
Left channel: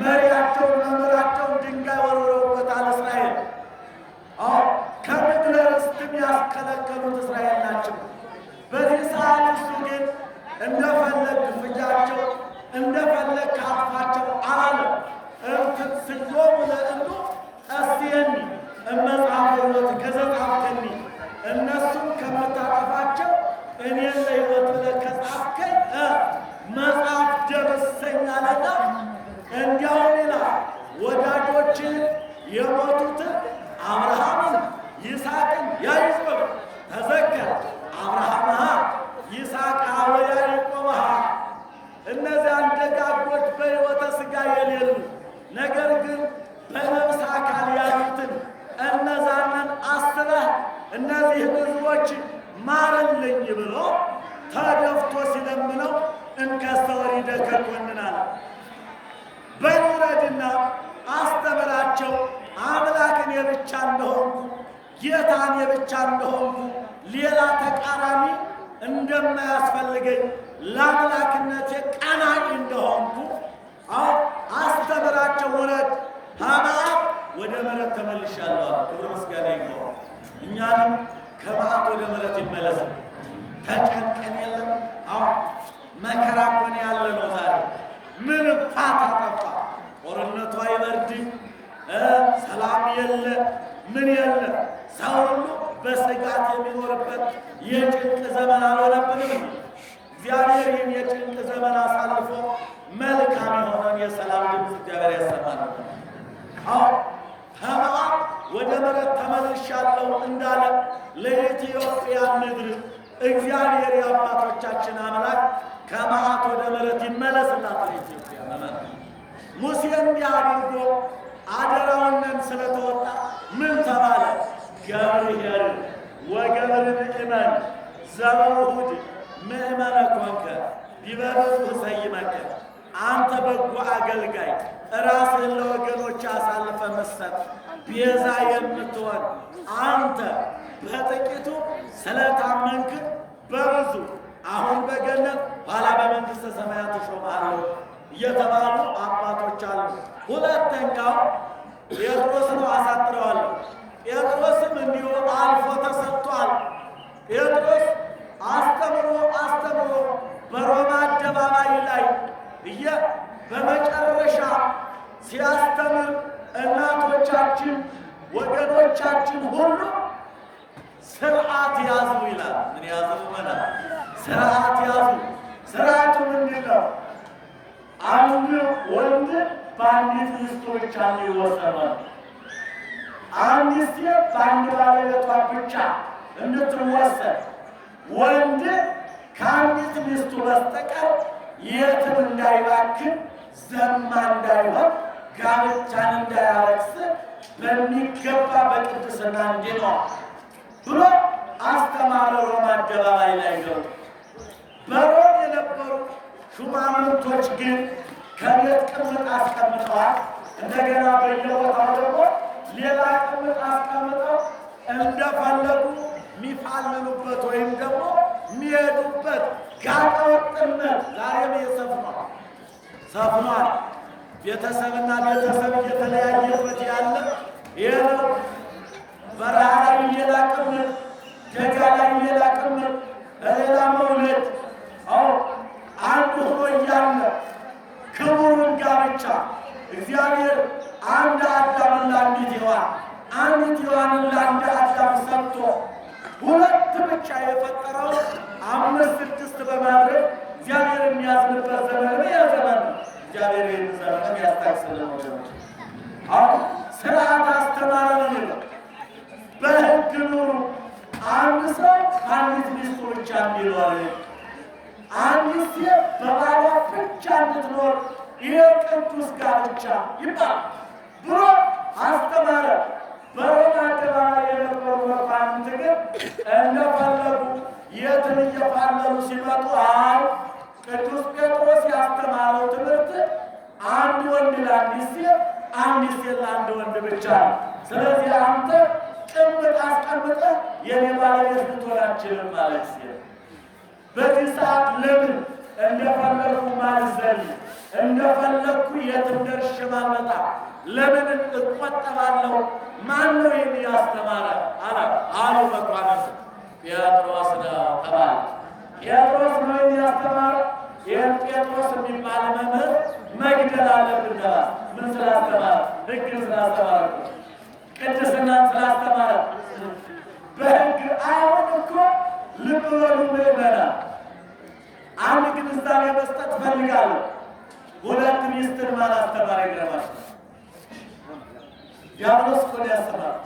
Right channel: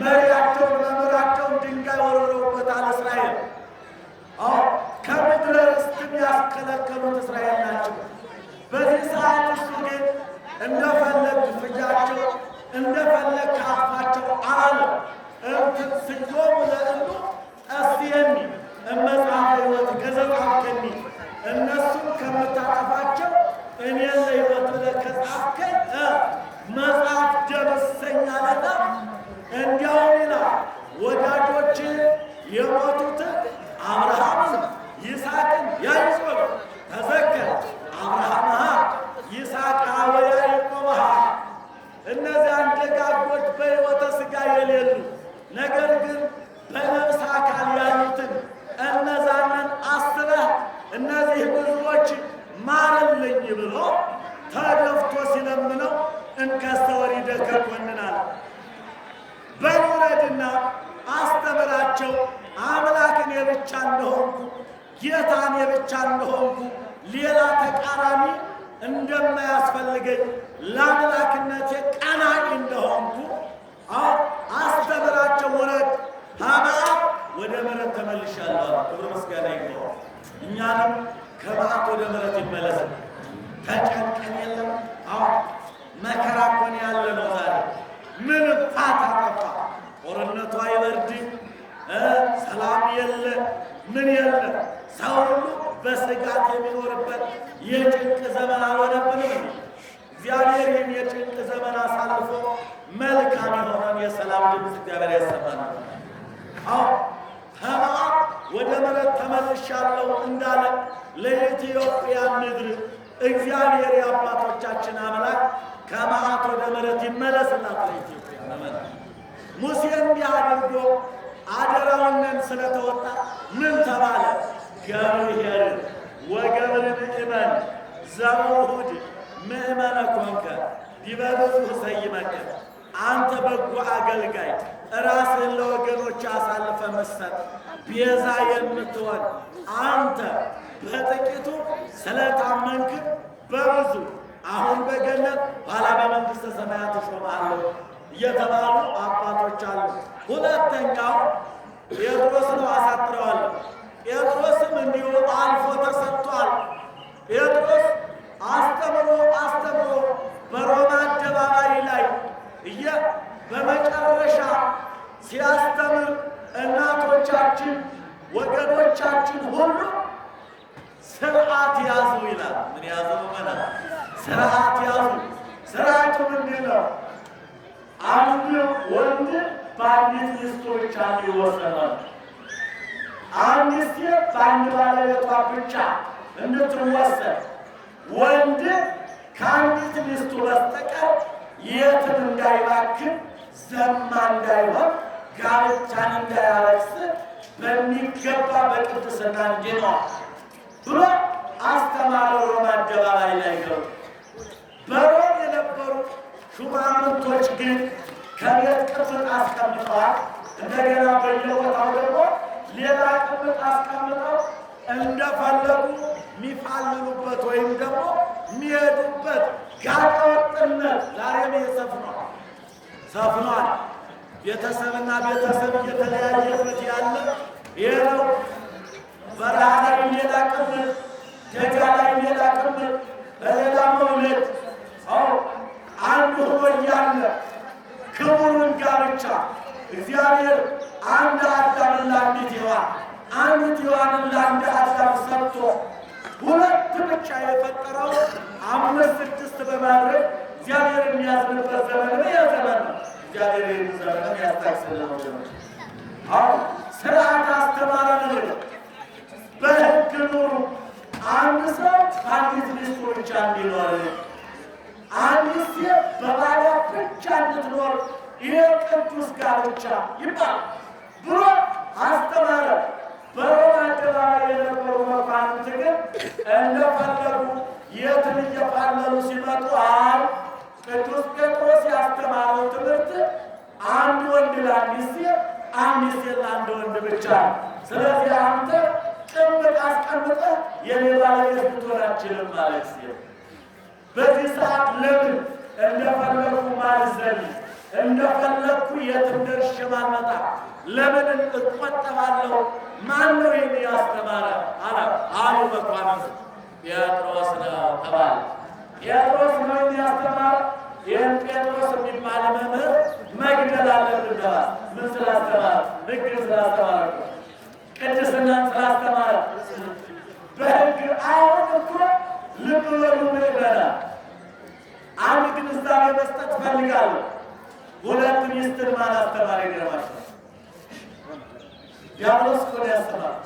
መሪያቸውን መምህራቸውን ድንጋይ ወርውረውበታል እስራኤል። ከምድረ ርስትም ያስከለከሉት እስራኤል ናቸው። በዚህ ሰዓት እሱ ግን እንደፈለግ ፍጃቸው እንደፈለግ ካጥፋቸው አላለም። እምትስዮሙ ለእሉ ጠስየኒ እመጽሐፈ ሕይወት ከዘጻፍከኒ፣ እነሱም ከምታጠፋቸው እኔን ለሕይወት ብለህ ከጻፍከኝ መጽሐፍ ደምሰኝ አለና እንዲያውም ይላል ወዳጆች የሞቱትን አብርሃምን ይስሐቅን ያዕቆብ ተዘከር አብርሃምሃ ይስሐቅሃ ወያዕቆብሃ። እነዚያን ደጋጎች በሕይወተ ሥጋ የሌሉ ነገር ግን በነፍስ አካል ያሉትን እነዛንን አስበህ እነዚህን ሕዝቦች ማርልኝ ብሎ ተደፍቶ ሲለምነው እንከሰ ወሪደከ ኮንናለ። በልውረድና አስተምራቸው አምላክን የብቻ እንደሆንኩ ጌታን የብቻ እንደሆንኩ ሌላ ተቃራኒ እንደማያስፈልገኝ ለአምላክነቴ ቀናኢ እንደሆንኩ አስተምራቸው። ውረድ ከመዓት ወደ ምሕረት ተመልሻለሁ። ክብር ምስጋና ይግባው። እኛንም ከመዓት ወደ ምሕረት ይመለስ። ተጨንቀን የለም መከራ እኮ ነው ያለ ነው ዛሬ። ምን ፋታ ጠፋ? ጦርነቱ አይበርድ፣ ሰላም የለ፣ ምን የለ። ሰው ሁሉ በስጋት የሚኖርበት የጭንቅ ዘመን አልሆነብንም እንዴ? እግዚአብሔር ይህን የጭንቅ ዘመን አሳልፎ መልካም የሆነን የሰላም ድምፅ እግዚአብሔር ያሰማናል። ከመዓት ወደ ምሕረት ተመልሻለሁ እንዳለ ለኢትዮጵያ ምድር እግዚአብሔር የአባቶቻችን አምላክ ከመዓት ወደ ምሕረት ይመለስላት ለኢትዮጵያ መመን። ሙሴ እንዲህ አድርጎ አደራውንን ስለተወጣ ምን ተባለ? ገብርኄር ወገብር ምእመን ዘበውሁድ ምእመነ ኮንከ ዲበ ብዙኅ ሰይመከ። አንተ በጎ አገልጋይ ራስህን ለወገኖች አሳልፈ መስጠት ቤዛ የምትሆን አንተ በጥቂቱ ስለታመንክ በብዙ አሁን በገነት ኋላ በመንግሥተ ሰማያት እሾምሃለሁ እየተባሉ አባቶች አሉ። ሁለተኛው ጴጥሮስ ነው። አሳጥረዋለሁ። ጴጥሮስም እንዲሁ አልፎ ተሰጥቷል። ጴጥሮስ አስተምሮ በሮማ አደባባይ ላይ በመጨረሻ ሲያስተምር እናቶቻችን ወገኖቻችን ሁሉ ስርዓት ያዙ ይላል። ምን ያዙ? ስርዓት ያዙ። ስርዓቱ ምንድን ነው? አንድ ወንድ በአንዲት ሚስቱ ብቻ እንዲወሰን፣ አንዲት ሴት በአንድ ባለቤቷ ብቻ እንድትወሰን፣ ወንድ ከአንዲት ሚስቱ በስተቀር የትም እንዳይባክን፣ ዘማ እንዳይሆን፣ ጋብቻን እንዳያረክስ በሚገባ በቅድስና እንዲኖር ብሎ አስተማረ። ሮማ አደባባይ ላይ ገብቶ በሮም የነበሩ ሹማምንቶች ግን ከቤት ቅምጥ አስቀምጠዋል። እንደገና በየቦታው ደግሞ ሌላ ቅምጥ አስቀምጠው እንደፈለጉ የሚፋልሉበት ወይም ደግሞ የሚሄዱበት ጋጠ ወጥነት ዛሬም ሰፍኗል። ቤተሰብና ቤተሰብ እየተለያየበት ያለ ይሄ ነው። በረሃ ላይ ሌላ ቅምጥ፣ ደጋ ላይ ሌላ ቅምጥ፣ በሌላ መውለድ አሁን አንድ ሆኖ እያለ ክቡሩን ጋብቻ እግዚአብሔር አንድ አዳምን ለአንዲት ሔዋን አንዲት ሔዋንን ለአንድ አዳም ሰጥቶ ሁለት ብቻ የፈጠረው 5 6 በማድረግ እግዚአብሔር የሚያዝንበት ዘመን ይሄ ዘመን ነው። እግዚአብሔር ይህን ዘመንም ያስታክስልን ወገኖች። አሁን ስርዓት አስተማረን ነው። በሕግ ኑሩ። አንድ ሰው አንዲት ሚስቱ ብቻ እንዲኖር፣ አንዲት ሴት በባሏ ብቻ እንድትኖር፣ ይሄ ቅዱስ ጋብቻ ይባላል ብሎ አስተማረ። በሮማ አደባባይ የነበሩ መኳንንት ግን እንደፈለጉ የትን እየፋለሉ ሲመጡ አይ ቅዱስ ጴጥሮስ ያስተማረው ትምህርት አንድ ወንድ ለአንዲት ሴት፣ አንዲት ሴት ለአንድ ወንድ ብቻ ነው። ስለዚህ አንተ ቅምጥ አስቀምጠህ የኔ ባለቤት ልትሆን አትችልም ማለት ሲል በዚህ ሰዓት ለምን እንደፈለግኩ ማልዘል፣ እንደፈለግኩ የትም ደርሼ ማልመጣ ለምን እቆጠባለሁ? ማን ነው ይህን ያስተማረ አሉ መኳንንቱ። ጴጥሮስ ነው ተባለ። ጴጥሮስ ነው ይህን ያስተማረ። ይህን ጴጥሮስ የሚባል መምህር መግደል አለብን ተባለ። ምን ስላስተማረ? ሕግን ስላስተማረ፣ ቅድስናን ስላስተማረ በሕግ አሁን እኮ ልብ በሉ ምእመናን፣ አንድ ግንዛቤ መስጠት ፈልጋለሁ። ሁለት ሚስትን ማን አስተማረ? ይገርማቸው። ዲያብሎስ እኮ ነው ያስተማረው።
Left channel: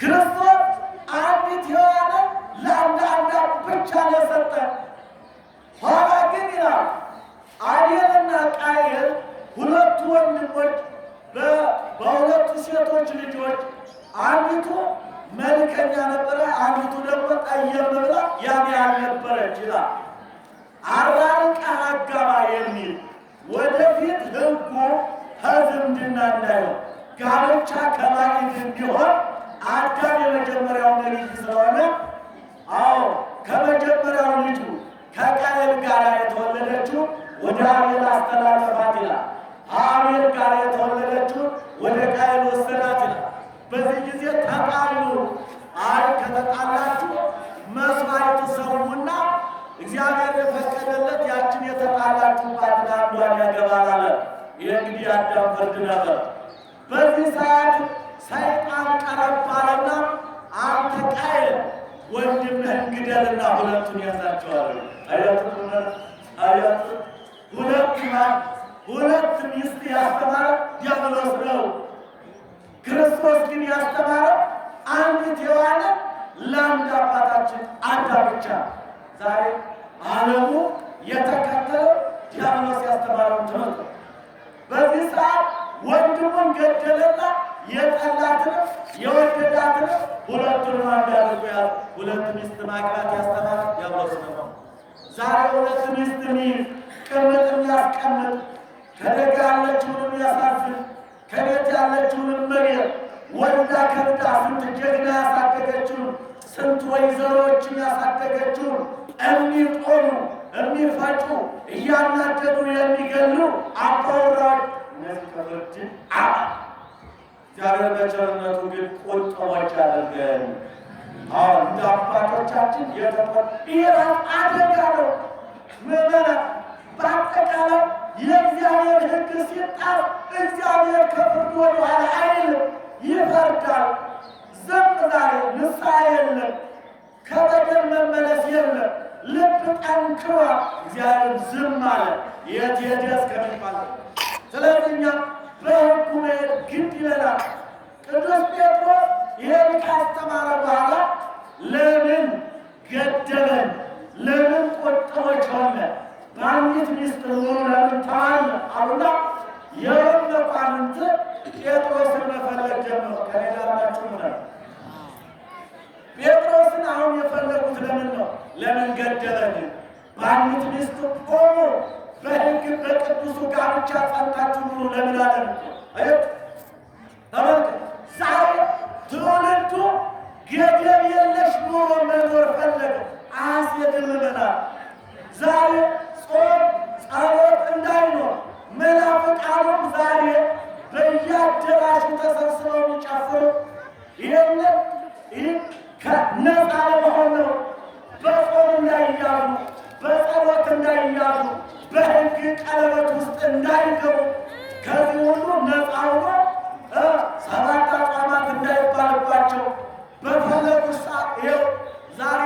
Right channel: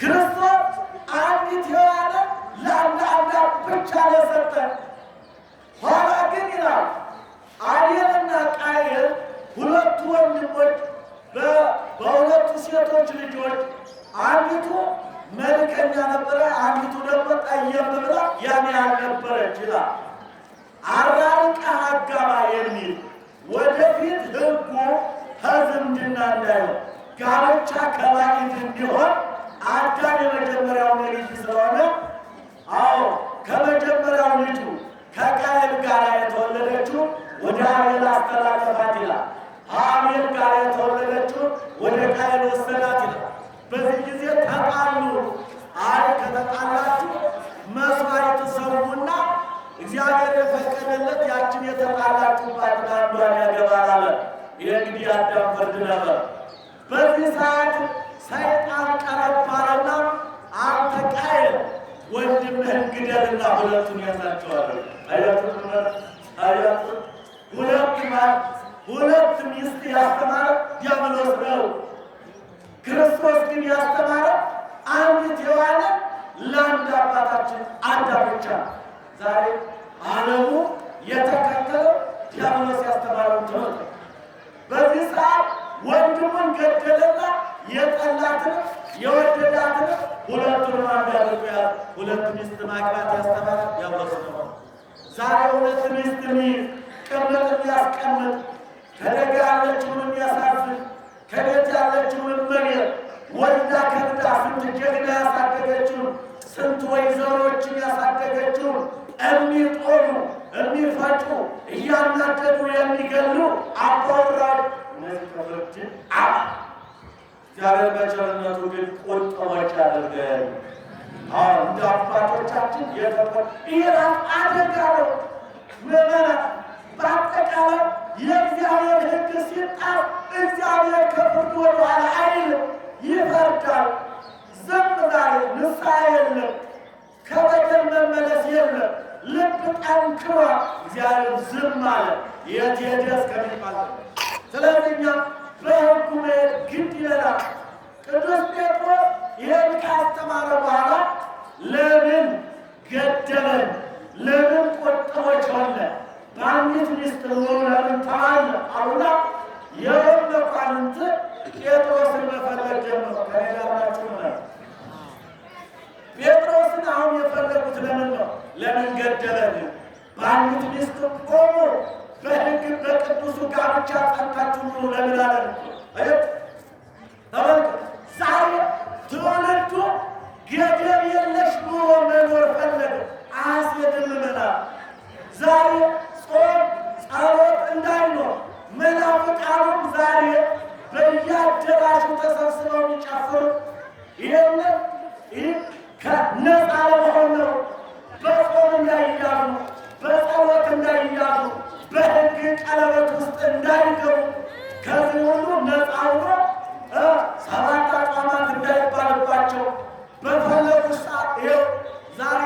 ክርስቶስ አንዲት ሔዋንን ለአንድ አዳም ብቻ ነው የሰጠ። ኋላ ግን ይላል አቤልና ቃየል ሁለቱ ወንድሞች በሁለቱ ሴቶች ልጆች አንዲቱ መልከኛ ነበረ፣ አንዲቱ ደግሞ ጠየም ብላ ያን ያልነበረች ይላል። አራርቀህ አጋባ የሚል ወደፊት ሕጉ ከዝምድና እንዳይሆን ጋብቻ ከባዕድ እንዲሆን አዳም የመጀመሪያው ነቢይ ስለሆነ ከመጀመሪያው ልጁ ከቃየል ጋር የተወለደችው ወደ አቤል አስተላለፋት ይላል። አቤል ጋር የተወለደችው ወደ ቃየል ወሰዳት ይላል። በዚህ ጊዜ ተጣሉ። አይ ከተጣላችሁ መስዋዕት ሰውና እግዚአብሔር የፈቀደለት ያችን የተጣላችሁባትን አንዷን ያገባል አለ። ይህ እንግዲህ አዳም ፍርድ ነበር። በዚህ ሰዓት ሰይጣን ቀረብ አለና አንተ ቃየል ወንድምህን ግደልና ሁለቱን ያዛቸዋል። አያቱ ሁለት ሚስት ያስተማረ ዲያብሎስ ነው። ክርስቶስ ግን ያስተማረ አንዲት ሔዋንን ለአንድ አባታችን አዳም ብቻ። ዛሬ ዓለሙ የተከተለው ዲያብሎስ ያስተማረውን ትምህርት ነው። በዚህ ሰዓት ወንድሙን ገደለና የጠላትንም የወደዳትንም ሁለቱንም አንድ አድርጎ ያዘ። ሁለት ሚስት ማግባት ያስተማረ ዲያብሎስ ነው። ዛሬ ሁለት ሚስት ቅምጥ የሚያስቀምጥ ከደጋ ያለችውን የሚያሳዝን ከቤት ያለችውን መሬት ወልዳ ከብዳ ስንት ጀግና ያሳደገችውን ስንት ወይዘሮችን ያሳደገችውን የሚጦሩ የሚፈጩ እያናደዱ የሚገሉ አባወራዎች እነዚህ ከፍርድ አባ እግዚአብሔር በቸርነቱ ግን ቁጥቦች ያደርገን። አሁን እንደ አባቶቻችን ይህ ራሱ አደጋ ነው። ምዕመናን በአጠቃላይ የእግዚአብሔር ሕግ ሲጣስ እግዚአብሔር ከፍርድ ወደኋላ አይልም፣ ይፈርዳል። ዝም ዛሬ ንስሐ የለም፣ ከበደል መመለስ የለም። ልብ ጠንክሯል፣ እግዚአብሔር ዝም አለ። የት ሄደ እስከሚባል ስለዚህ እኛ በሕጉ መሄድ ግድ ይለናል። ቅዱስ ጴጥሮስ ይህን ካስተማረ በኋላ ለምን ገደለን? ለምን ቁጥቦች ሆነ? በአንዲት ሚስት ኑሮ ለምን ተማለ አሉና የሮም መኳንንት ጴጥሮስን መፈለግ ጀመሩ። ከኔ ጋር ናችሁ? ጴጥሮስን አሁን የፈለጉት ለምን ነው? ለምን ገደለን? በአንዲት ሚስት ቆሙ፣ በሕግ በቅዱሱ ጋብቻ ጸንታችሁ ኑሩ ለምን አለን? አየት ተመልከት። ዛሬ ትውልዱ ገደብ የለሽ ኑሮ መኖር ፈለገ። አያስሄድም ይመናል። ዛሬ ጾም ጸሎት እንዳይኖር መናፍቃኑም ዛሬ በየአዳራሹ ተሰብስበው የሚጨፍሩ ይህንን ነፃ ለመሆን ነው። በጾም እንዳይያዙ፣ በጸሎት እንዳይያዙ፣ በሕግ ቀለበት ውስጥ እንዳይገቡ፣ ከዚህ ሁሉ ነፃ ሆኖ ሰባት አጽዋማት እንዳይባልባቸው በፈለጉ ሰዓት ይኸው ዛሬ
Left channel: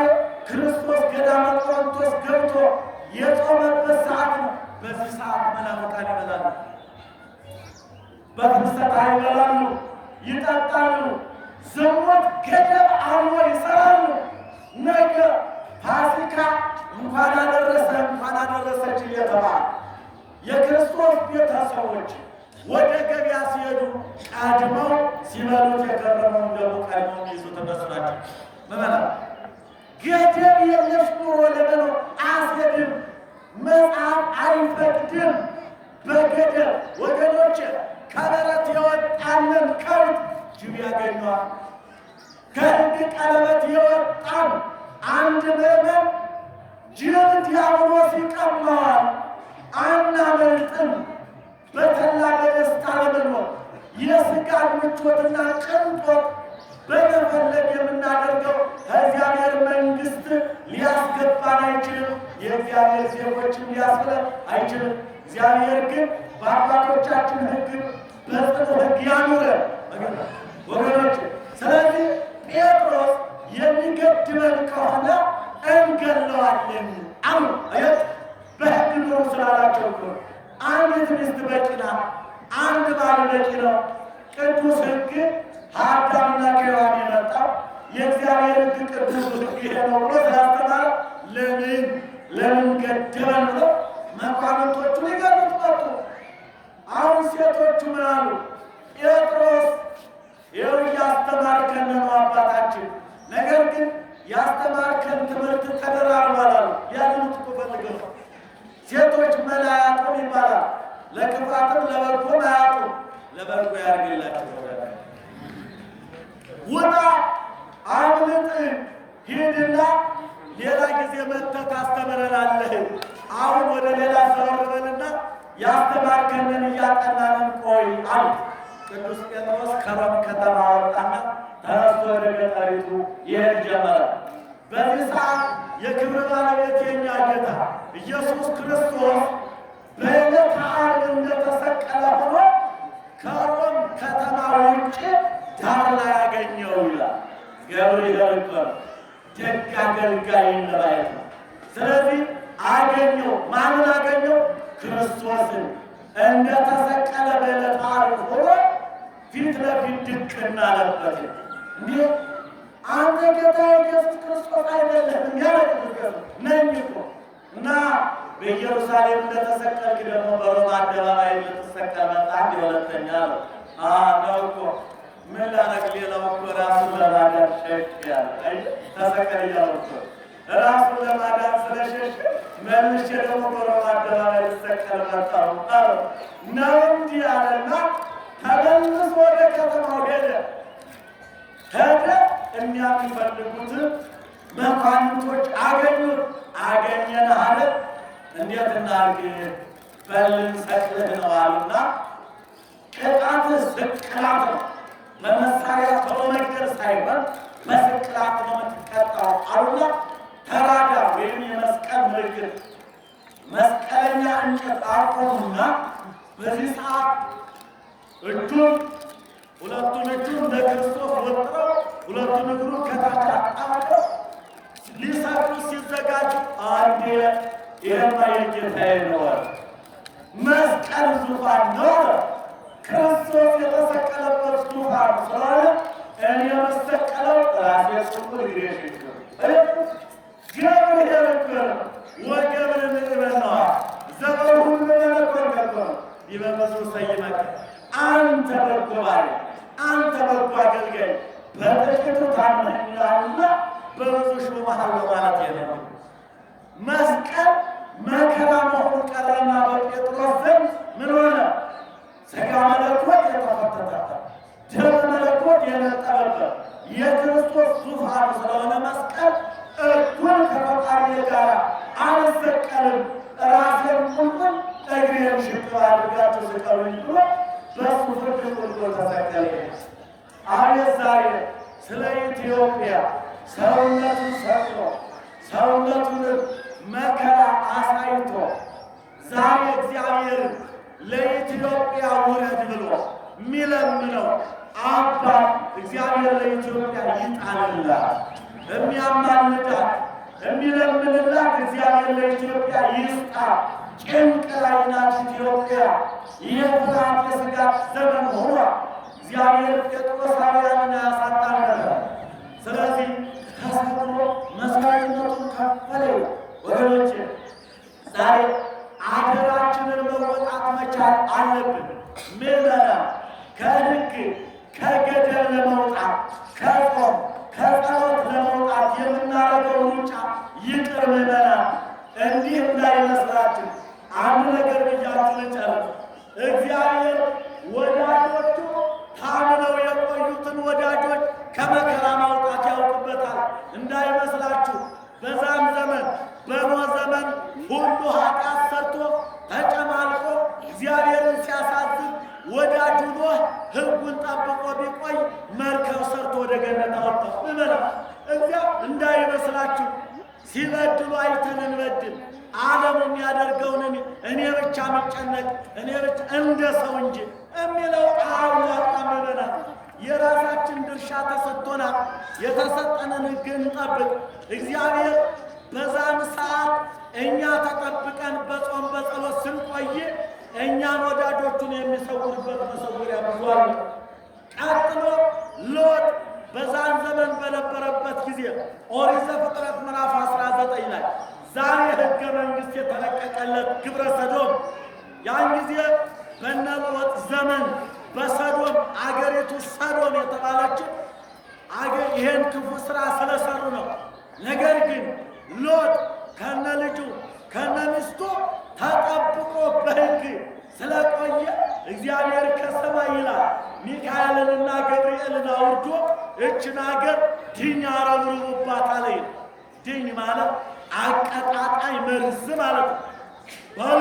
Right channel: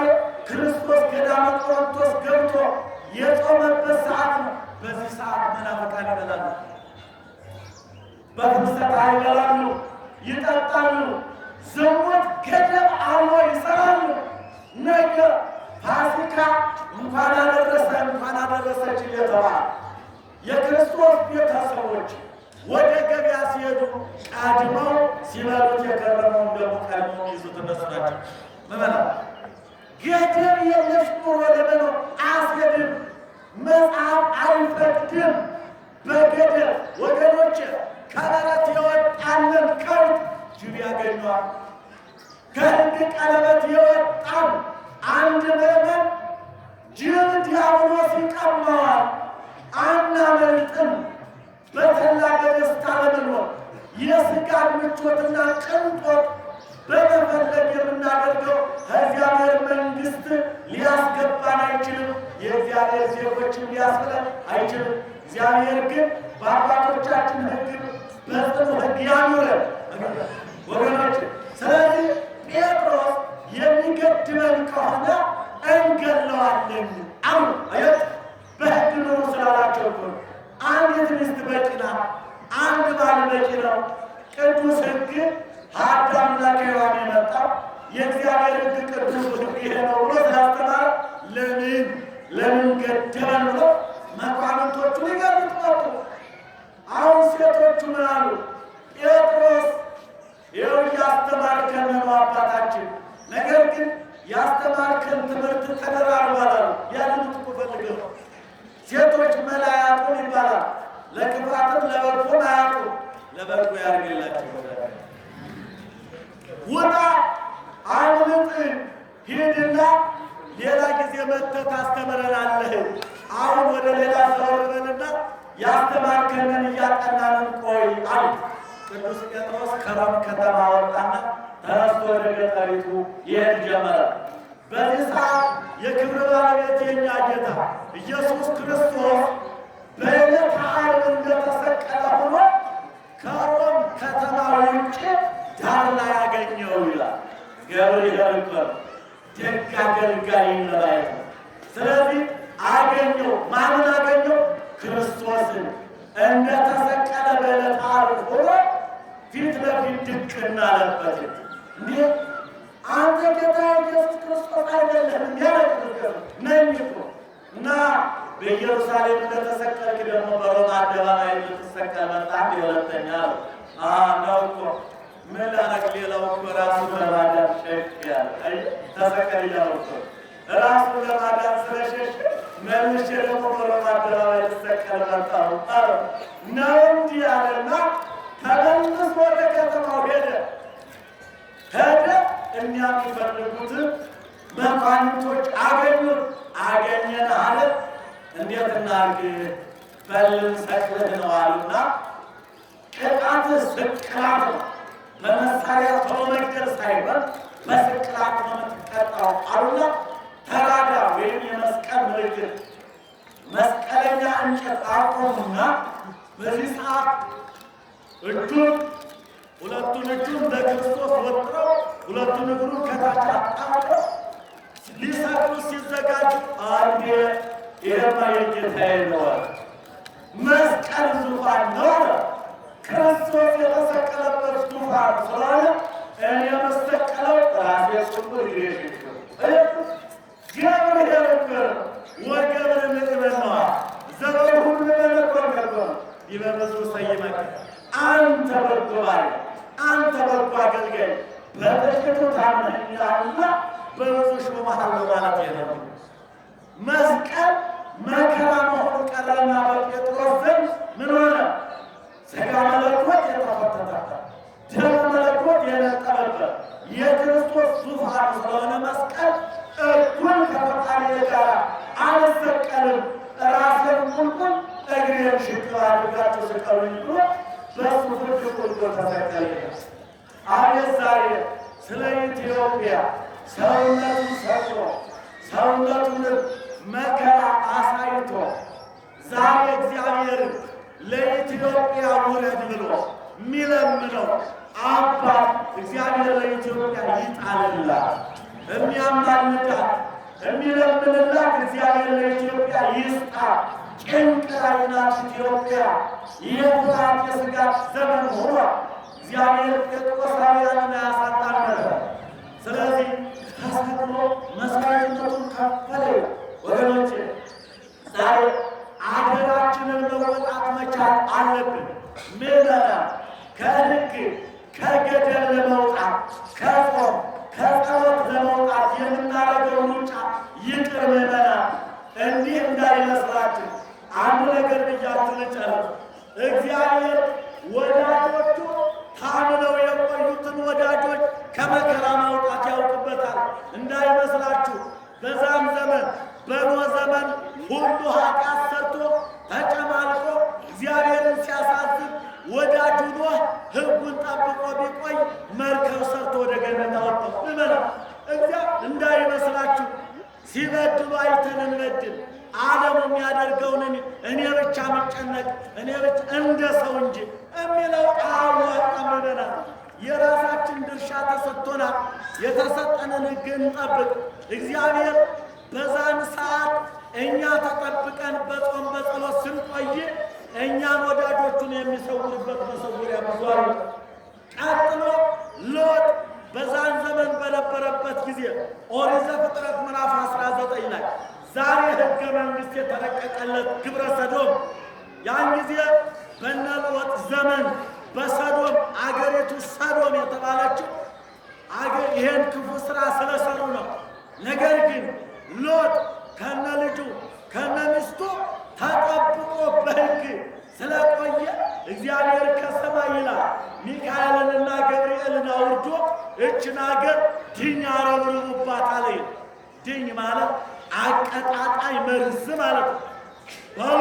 ክርስቶስ ገዳመ ቆሮንቶስ ገብቶ የጾመበት ሰዓት ነው። በዚህ ሰዓት መናፍቃን ይበላሉ፣ በፍልሰታ ይበላሉ፣ ይጠጣሉ፣ ዝሙት ገደብ አልሞ ይሰራሉ። ነገ ፋሲካ እንኳን አደረሰ እንኳን አደረሰች እየተባለ የክርስቶስ ቤተሰቦች ወደ ገበያ ሲሄዱ ቀድመው ሲበሉት የከረመውን ደግሞ ቀድመው የሚይዙት እነሱ ናቸው። መመና ገደብ የለሽ ኑሮ ለመኖር አያስሄድም። መጽሐፍ አይፈቅድም። በገደብ ወገኖች ከበረት የወጣንን ከብት ጅብ ያገኘዋል። ከሕግ ቀለበት የወጣን አንድ ምዕመን ጅብ ዲያብሎስ ይቀማዋል። አናመልጥም። በተላ በደስታ ለመኖር የሥጋን ምቾትና ቅንጦት በመፈለግ የምናደርገው ከእግዚአብሔር መንግሥት ሊያስገባን አይችልም። የእግዚአብሔር ዜጎችም ሊያስብለን አይችልም። እግዚአብሔር ግን በአባቶቻችን ሕግ በጽኑ ሕግ ያኑረን ወገኖች። ስለዚህ ጴጥሮስ የሚገድበን ከሆነ እንገለዋለን አሉ። አየት በሕግ ኑሩ ስላላቸው አንዲት ሚስት በቂ ናት፣ አንድ ባል በቂ ነው። ቅዱስ ሕግ ከአዳምና ከሔዋን የመጣው የእግዚአብሔር ሕግ ቅዱስ ሕግ ይሄ ነው ብሎ ስላስተማረ ለምን ገደበን ብሎ መኳንንቶቹ ሊገሉት መጡ። አሁን ሴቶቹ ምን አሉ? ጴጥሮስ ይኸው እያስተማርከን ነው አባታችን፣ ነገር ግን ያስተማርከን ትምህርት ተደራርቧል አሉ። ያንኑት እኮ ፈልገው ነው። ሴቶች መላ አያጡም ይባላል። ለክፋትም ለበጎም አያጡም። ለበጎ ያርግላቸው። ውጣ፣ አምልጥ፣ ሂድና ሌላ ጊዜ መጥተህ ታስተምረናለህ። አሁን ወደ ሌላ ዘወር በልና ያስተማርከንን እያጠናንን ቆይ አሉት። ቅዱስ ጴጥሮስ ከሮም ከተማ ወጣና ተነስቶ ወደ ገጠሪቱ ይሄድ ጀመረ። በዚህ ሰዓት የክብር ባለቤት የኛ ጌታ ኢየሱስ ክርስቶስ በዕለተ ዓርብ እንደተሰቀለ ሆኖ ከሮም ከተማ ውጭ ዳር ላይ ያገኘው ይላል። ገብርኤል ነበር ደግ አገልጋይን ለማየት ነው። ስለዚህ አገኘው። ማንን አገኘው? ክርስቶስን እንደተሰቀለ በዕለተ ዓርብ ሆኖ ፊት ለፊት ድቅና አለበት። እንዲህ አንተ ጌታ ኢየሱስ ክርስቶስ አይደለህም? እንዲያለቁት ነኝ እኮ እና በኢየሩሳሌም እንደተሰቀልክ ደግሞ በሮማ አደባባይ ልትሰቀል መጣ። አንድ ሁለተኛ ነው ነው እኮ ምን ላረግ? ሌላው እኮ ራሱን ለማዳን ሸሽ ያለ ተሰቀል እያለው እኮ ራሱን ለማዳን ስለሸሽ መልሼ ደግሞ በሮማ አደባባይ ልትሰቀል መጣሁ ነው እንዲህ አለና ተመልሶ ወደ ከተማው ሄደ። ሄደ። የሚፈልጉትን መኳንንቶች አገኙት። አገኘን አለ። እንዴት እናርግ? በልን ሰቅልህ ነው አሉና ቅጣት ስቅላት ነው። በመሳሪያ ቶሎ መግደል ሳይሆን በስቅላት ነው የምትቀጣው አሉና ተራዳ ወይም የመስቀል ምልክት መስቀለኛ እንጨት አቆሙና በዚህ ሰዓት ሁለቱን እጁን እንደ ክርስቶስ ወጥረው ሁለቱን እግሩን ከታች አጣምረው ሊሰቅሉ ሲዘጋጁ አንዴ ይሄማ የጌታዬ ነው፣ መስቀል ዙፋን ነው፣ ክርስቶስ የተሰቀለበት ዙፋን ስለሆነ እኔ የምሰቀለው ራሴ ጽቁር እግሬ ሽክም ገብርኄር ነበር ወገብር ንዕበነዋ ዘበሁሉ መለኮት ነበር ዲበበዙ ሰይመከ አንተ በጎ ባሪያ፣ አንተ በጎ አገልጋይ በጥቂቱ ታምነኛልና በብዙ ሾመሃለሁ ማለት ነው። መስቀል መከራ መሆኑ ቀረና በጴጥሮስ ዘንድ ምን ሆነ? ሥጋ መለኮት የተፈተተበት ደመ መለኮት የነጠበበት የክርስቶስ ዙፋኑ ስለሆነ መስቀል እኩል ከፈጣሪ ጋር አልሰቀልም፣ ራሴን ቁልቁል እግሬን ሽቅብ አድርጋችሁ ስቀሉኝ ብሎ በሱ ፍርድ ቁልቁል ተሰቀለ። አቤት ዛሬ ስለ ኢትዮጵያ ሰውነቱን ሰጥቶ ሰውነቱን መከራ አሳይቶ ዛሬ እግዚአብሔርን ለኢትዮጵያ ውረድ ብሎ የሚለምነው አባት እግዚአብሔር ለኢትዮጵያ ይጣልላት፣ የሚያማልዳት የሚለምንላት እግዚአብሔር ለኢትዮጵያ ይስጣ። ጭንቅ ላይ ናት ኢትዮጵያ። የፍርሃት የስጋት ዘመን ሆኗል። እግዚአብሔር ጴጥሮሳውያንን አያሳጣን ነበር። ስለዚህ ተሰቅሎ መስዋዕትነቱን ከፈለ። ወገኖቼ ዛሬ አገራችንን መወጣት መቻል አለብን። ምዕመናን ከሕግ ከገደል ለመውጣት ከጾም ከጸሎት ለመውጣት የምናደርገው ሩጫ ይቅር። ምዕመናን እንዲህ እንዳይመስላችሁ አንድ ነገር ብያችሁ ልጨርስ። እግዚአብሔር ወዳጆቹ ታምነው የቆዩትን ወዳጆች ከመከራ ማውጣት ያውቅበታል። እንዳይመስላችሁ በዛም ዘመን በኖህ ዘመን ሁሉ ኃጢአት ሰርቶ ተጨማልቆ እግዚአብሔርን ሲያሳዝን ወዳጁ ኖህ ሕጉን ጠብቆ ቢቆይ መርከብ ሰርቶ ወደ ገነት አወጣው። ምመላ እንዳይመስላችሁ ሲበድሉ አይተን እንበድል። ዓለሙ የሚያደርገውን እኔ ብቻ ምጨነቅ እኔ ብቻ እንደ ሰው እንጂ የሚለው አያዋጣም። ምመናል የራሳችን ድርሻ ተሰጥቶናል። የተሰጠንን ሕግ እንጠብቅ። እግዚአብሔር በዛን ሰዓት እኛ ተጠብቀን በጾም በጸሎት ስንቆይ እኛን ወዳጆቹን የሚሰውርበት መሰውሪያ ብዙ አለ። ቀጥሎ ሎጥ በዛን ዘመን በነበረበት ጊዜ ኦሪት ዘፍጥረት ምዕራፍ 19 ላይ ዛሬ ሕገ መንግሥት የተለቀቀለት ግብረ ሰዶም ያን ጊዜ በነ ሎጥ ዘመን በሰዶም አገሪቱ ሰዶም የተባለችው ይሄን ክፉ ሥራ ስለሰሩ ነው። ነገር ግን ሎጥ ከነ ልጁ ከነ ሚስቱ ተጠብቆ በሕግ ስለቆየ እግዚአብሔር ከሰማይ ይላል ሚካኤልንና ገብርኤልን አውርዶ እችን አገር ድኝ አረብርቡባት አለ። ድኝ ማለት አቀጣጣይ መርዝ ማለት ነው። በሉ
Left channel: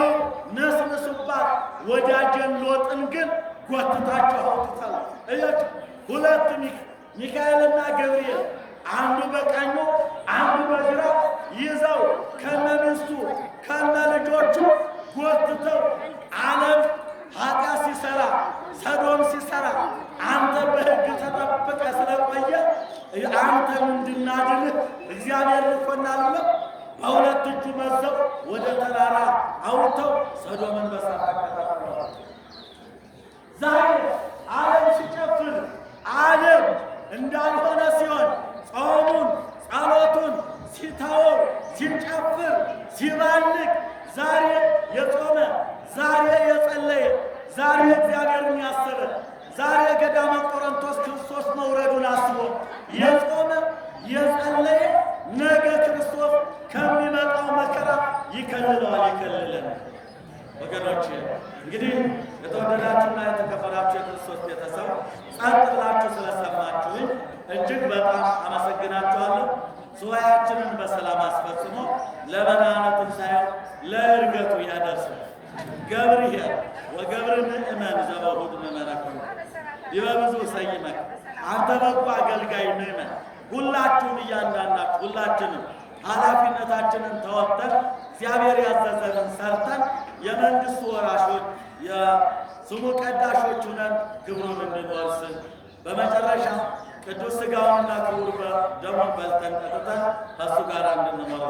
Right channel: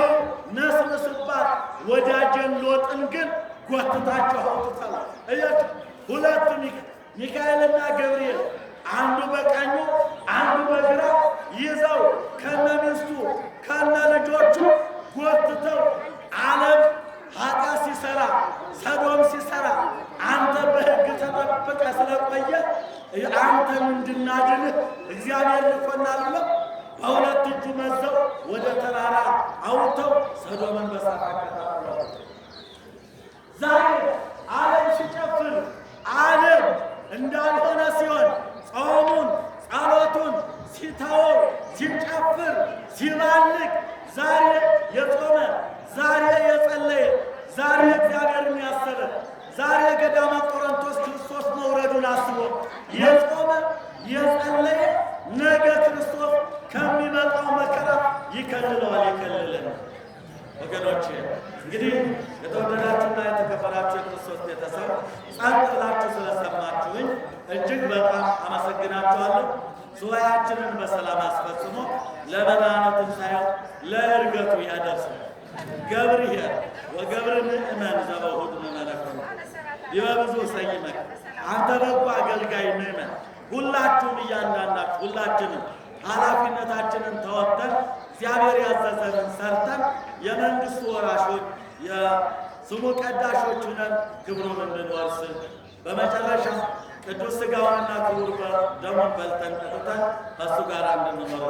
ነስንሱባት። ወዳጀን ሎጥን ግን ጎትታቸው አውጥታል። እያችሁ ሁለት ሚካኤልና ገብርኤል አንዱ በቀኙ አንዱ በግራው ይዘው ከነ ሚስቱ ከነ ልጆቹ ጎትተው ዓለም ኃጢአት ሲሰራ ሰዶም ሲሰራ አንተ በሕግ ተጠብቀ ስለቆየ አንተን እንድናድንህ እግዚአብሔር ልኮናል ብለው በሁለት እጁ መዘው ወደ ተራራ አውጥተው ሰዶምን በሳት አቀጣጥለዋል። ዛሬ ዓለም ሲጨፍር ዓለም እንዳልሆነ ሲሆን ጾሙን ጸሎቱን ሲተወው ሲጨፍር ሲባልቅ ዛሬ የጾመ ዛሬ የጸለየ ዛሬ እግዚአብሔርን ያሰበ ዛሬ ገዳመ ቆሮንቶስ ክርስቶስ መውረዱን አስቦ የጾመ የጸለየ ነገ ክርስቶስ ከሚመጣው መከራ ይከልለዋል፣ ይከልለን። ወገኖች እንግዲህ የተወደዳችሁና የተከበራችሁ የክርስቶስ ቤተሰብ ጸጥ ብላችሁ ስለሰማችሁኝ እጅግ በጣም አመሰግናችኋለሁ። ሱባኤያችንን በሰላም አስፈጽሞ ለመድኃኔ ትንሣኤው ለዕርገቱ ያደርሰን። ገብርኄር ወገብር ምእመን ዘበሁድ ምእመነ ኮንክ ዲበ ብዙ ሰይመክ። አንተ በጎ አገልጋይ ምእመን፣ ሁላችሁም እያንዳንዳችሁ ሁላችንም ኃላፊነታችንን ተወጥተን እግዚአብሔር ያዘዘንን ሰርተን የመንግሥቱ ወራሾች የስሙ ቀዳሾች ሁነን ክብሩን እንድንወርስ በመጨረሻ ቅዱስ ሥጋውንና ክቡር ደሙን በልተን ጠጥተን ከእሱ ጋር እንድንኖር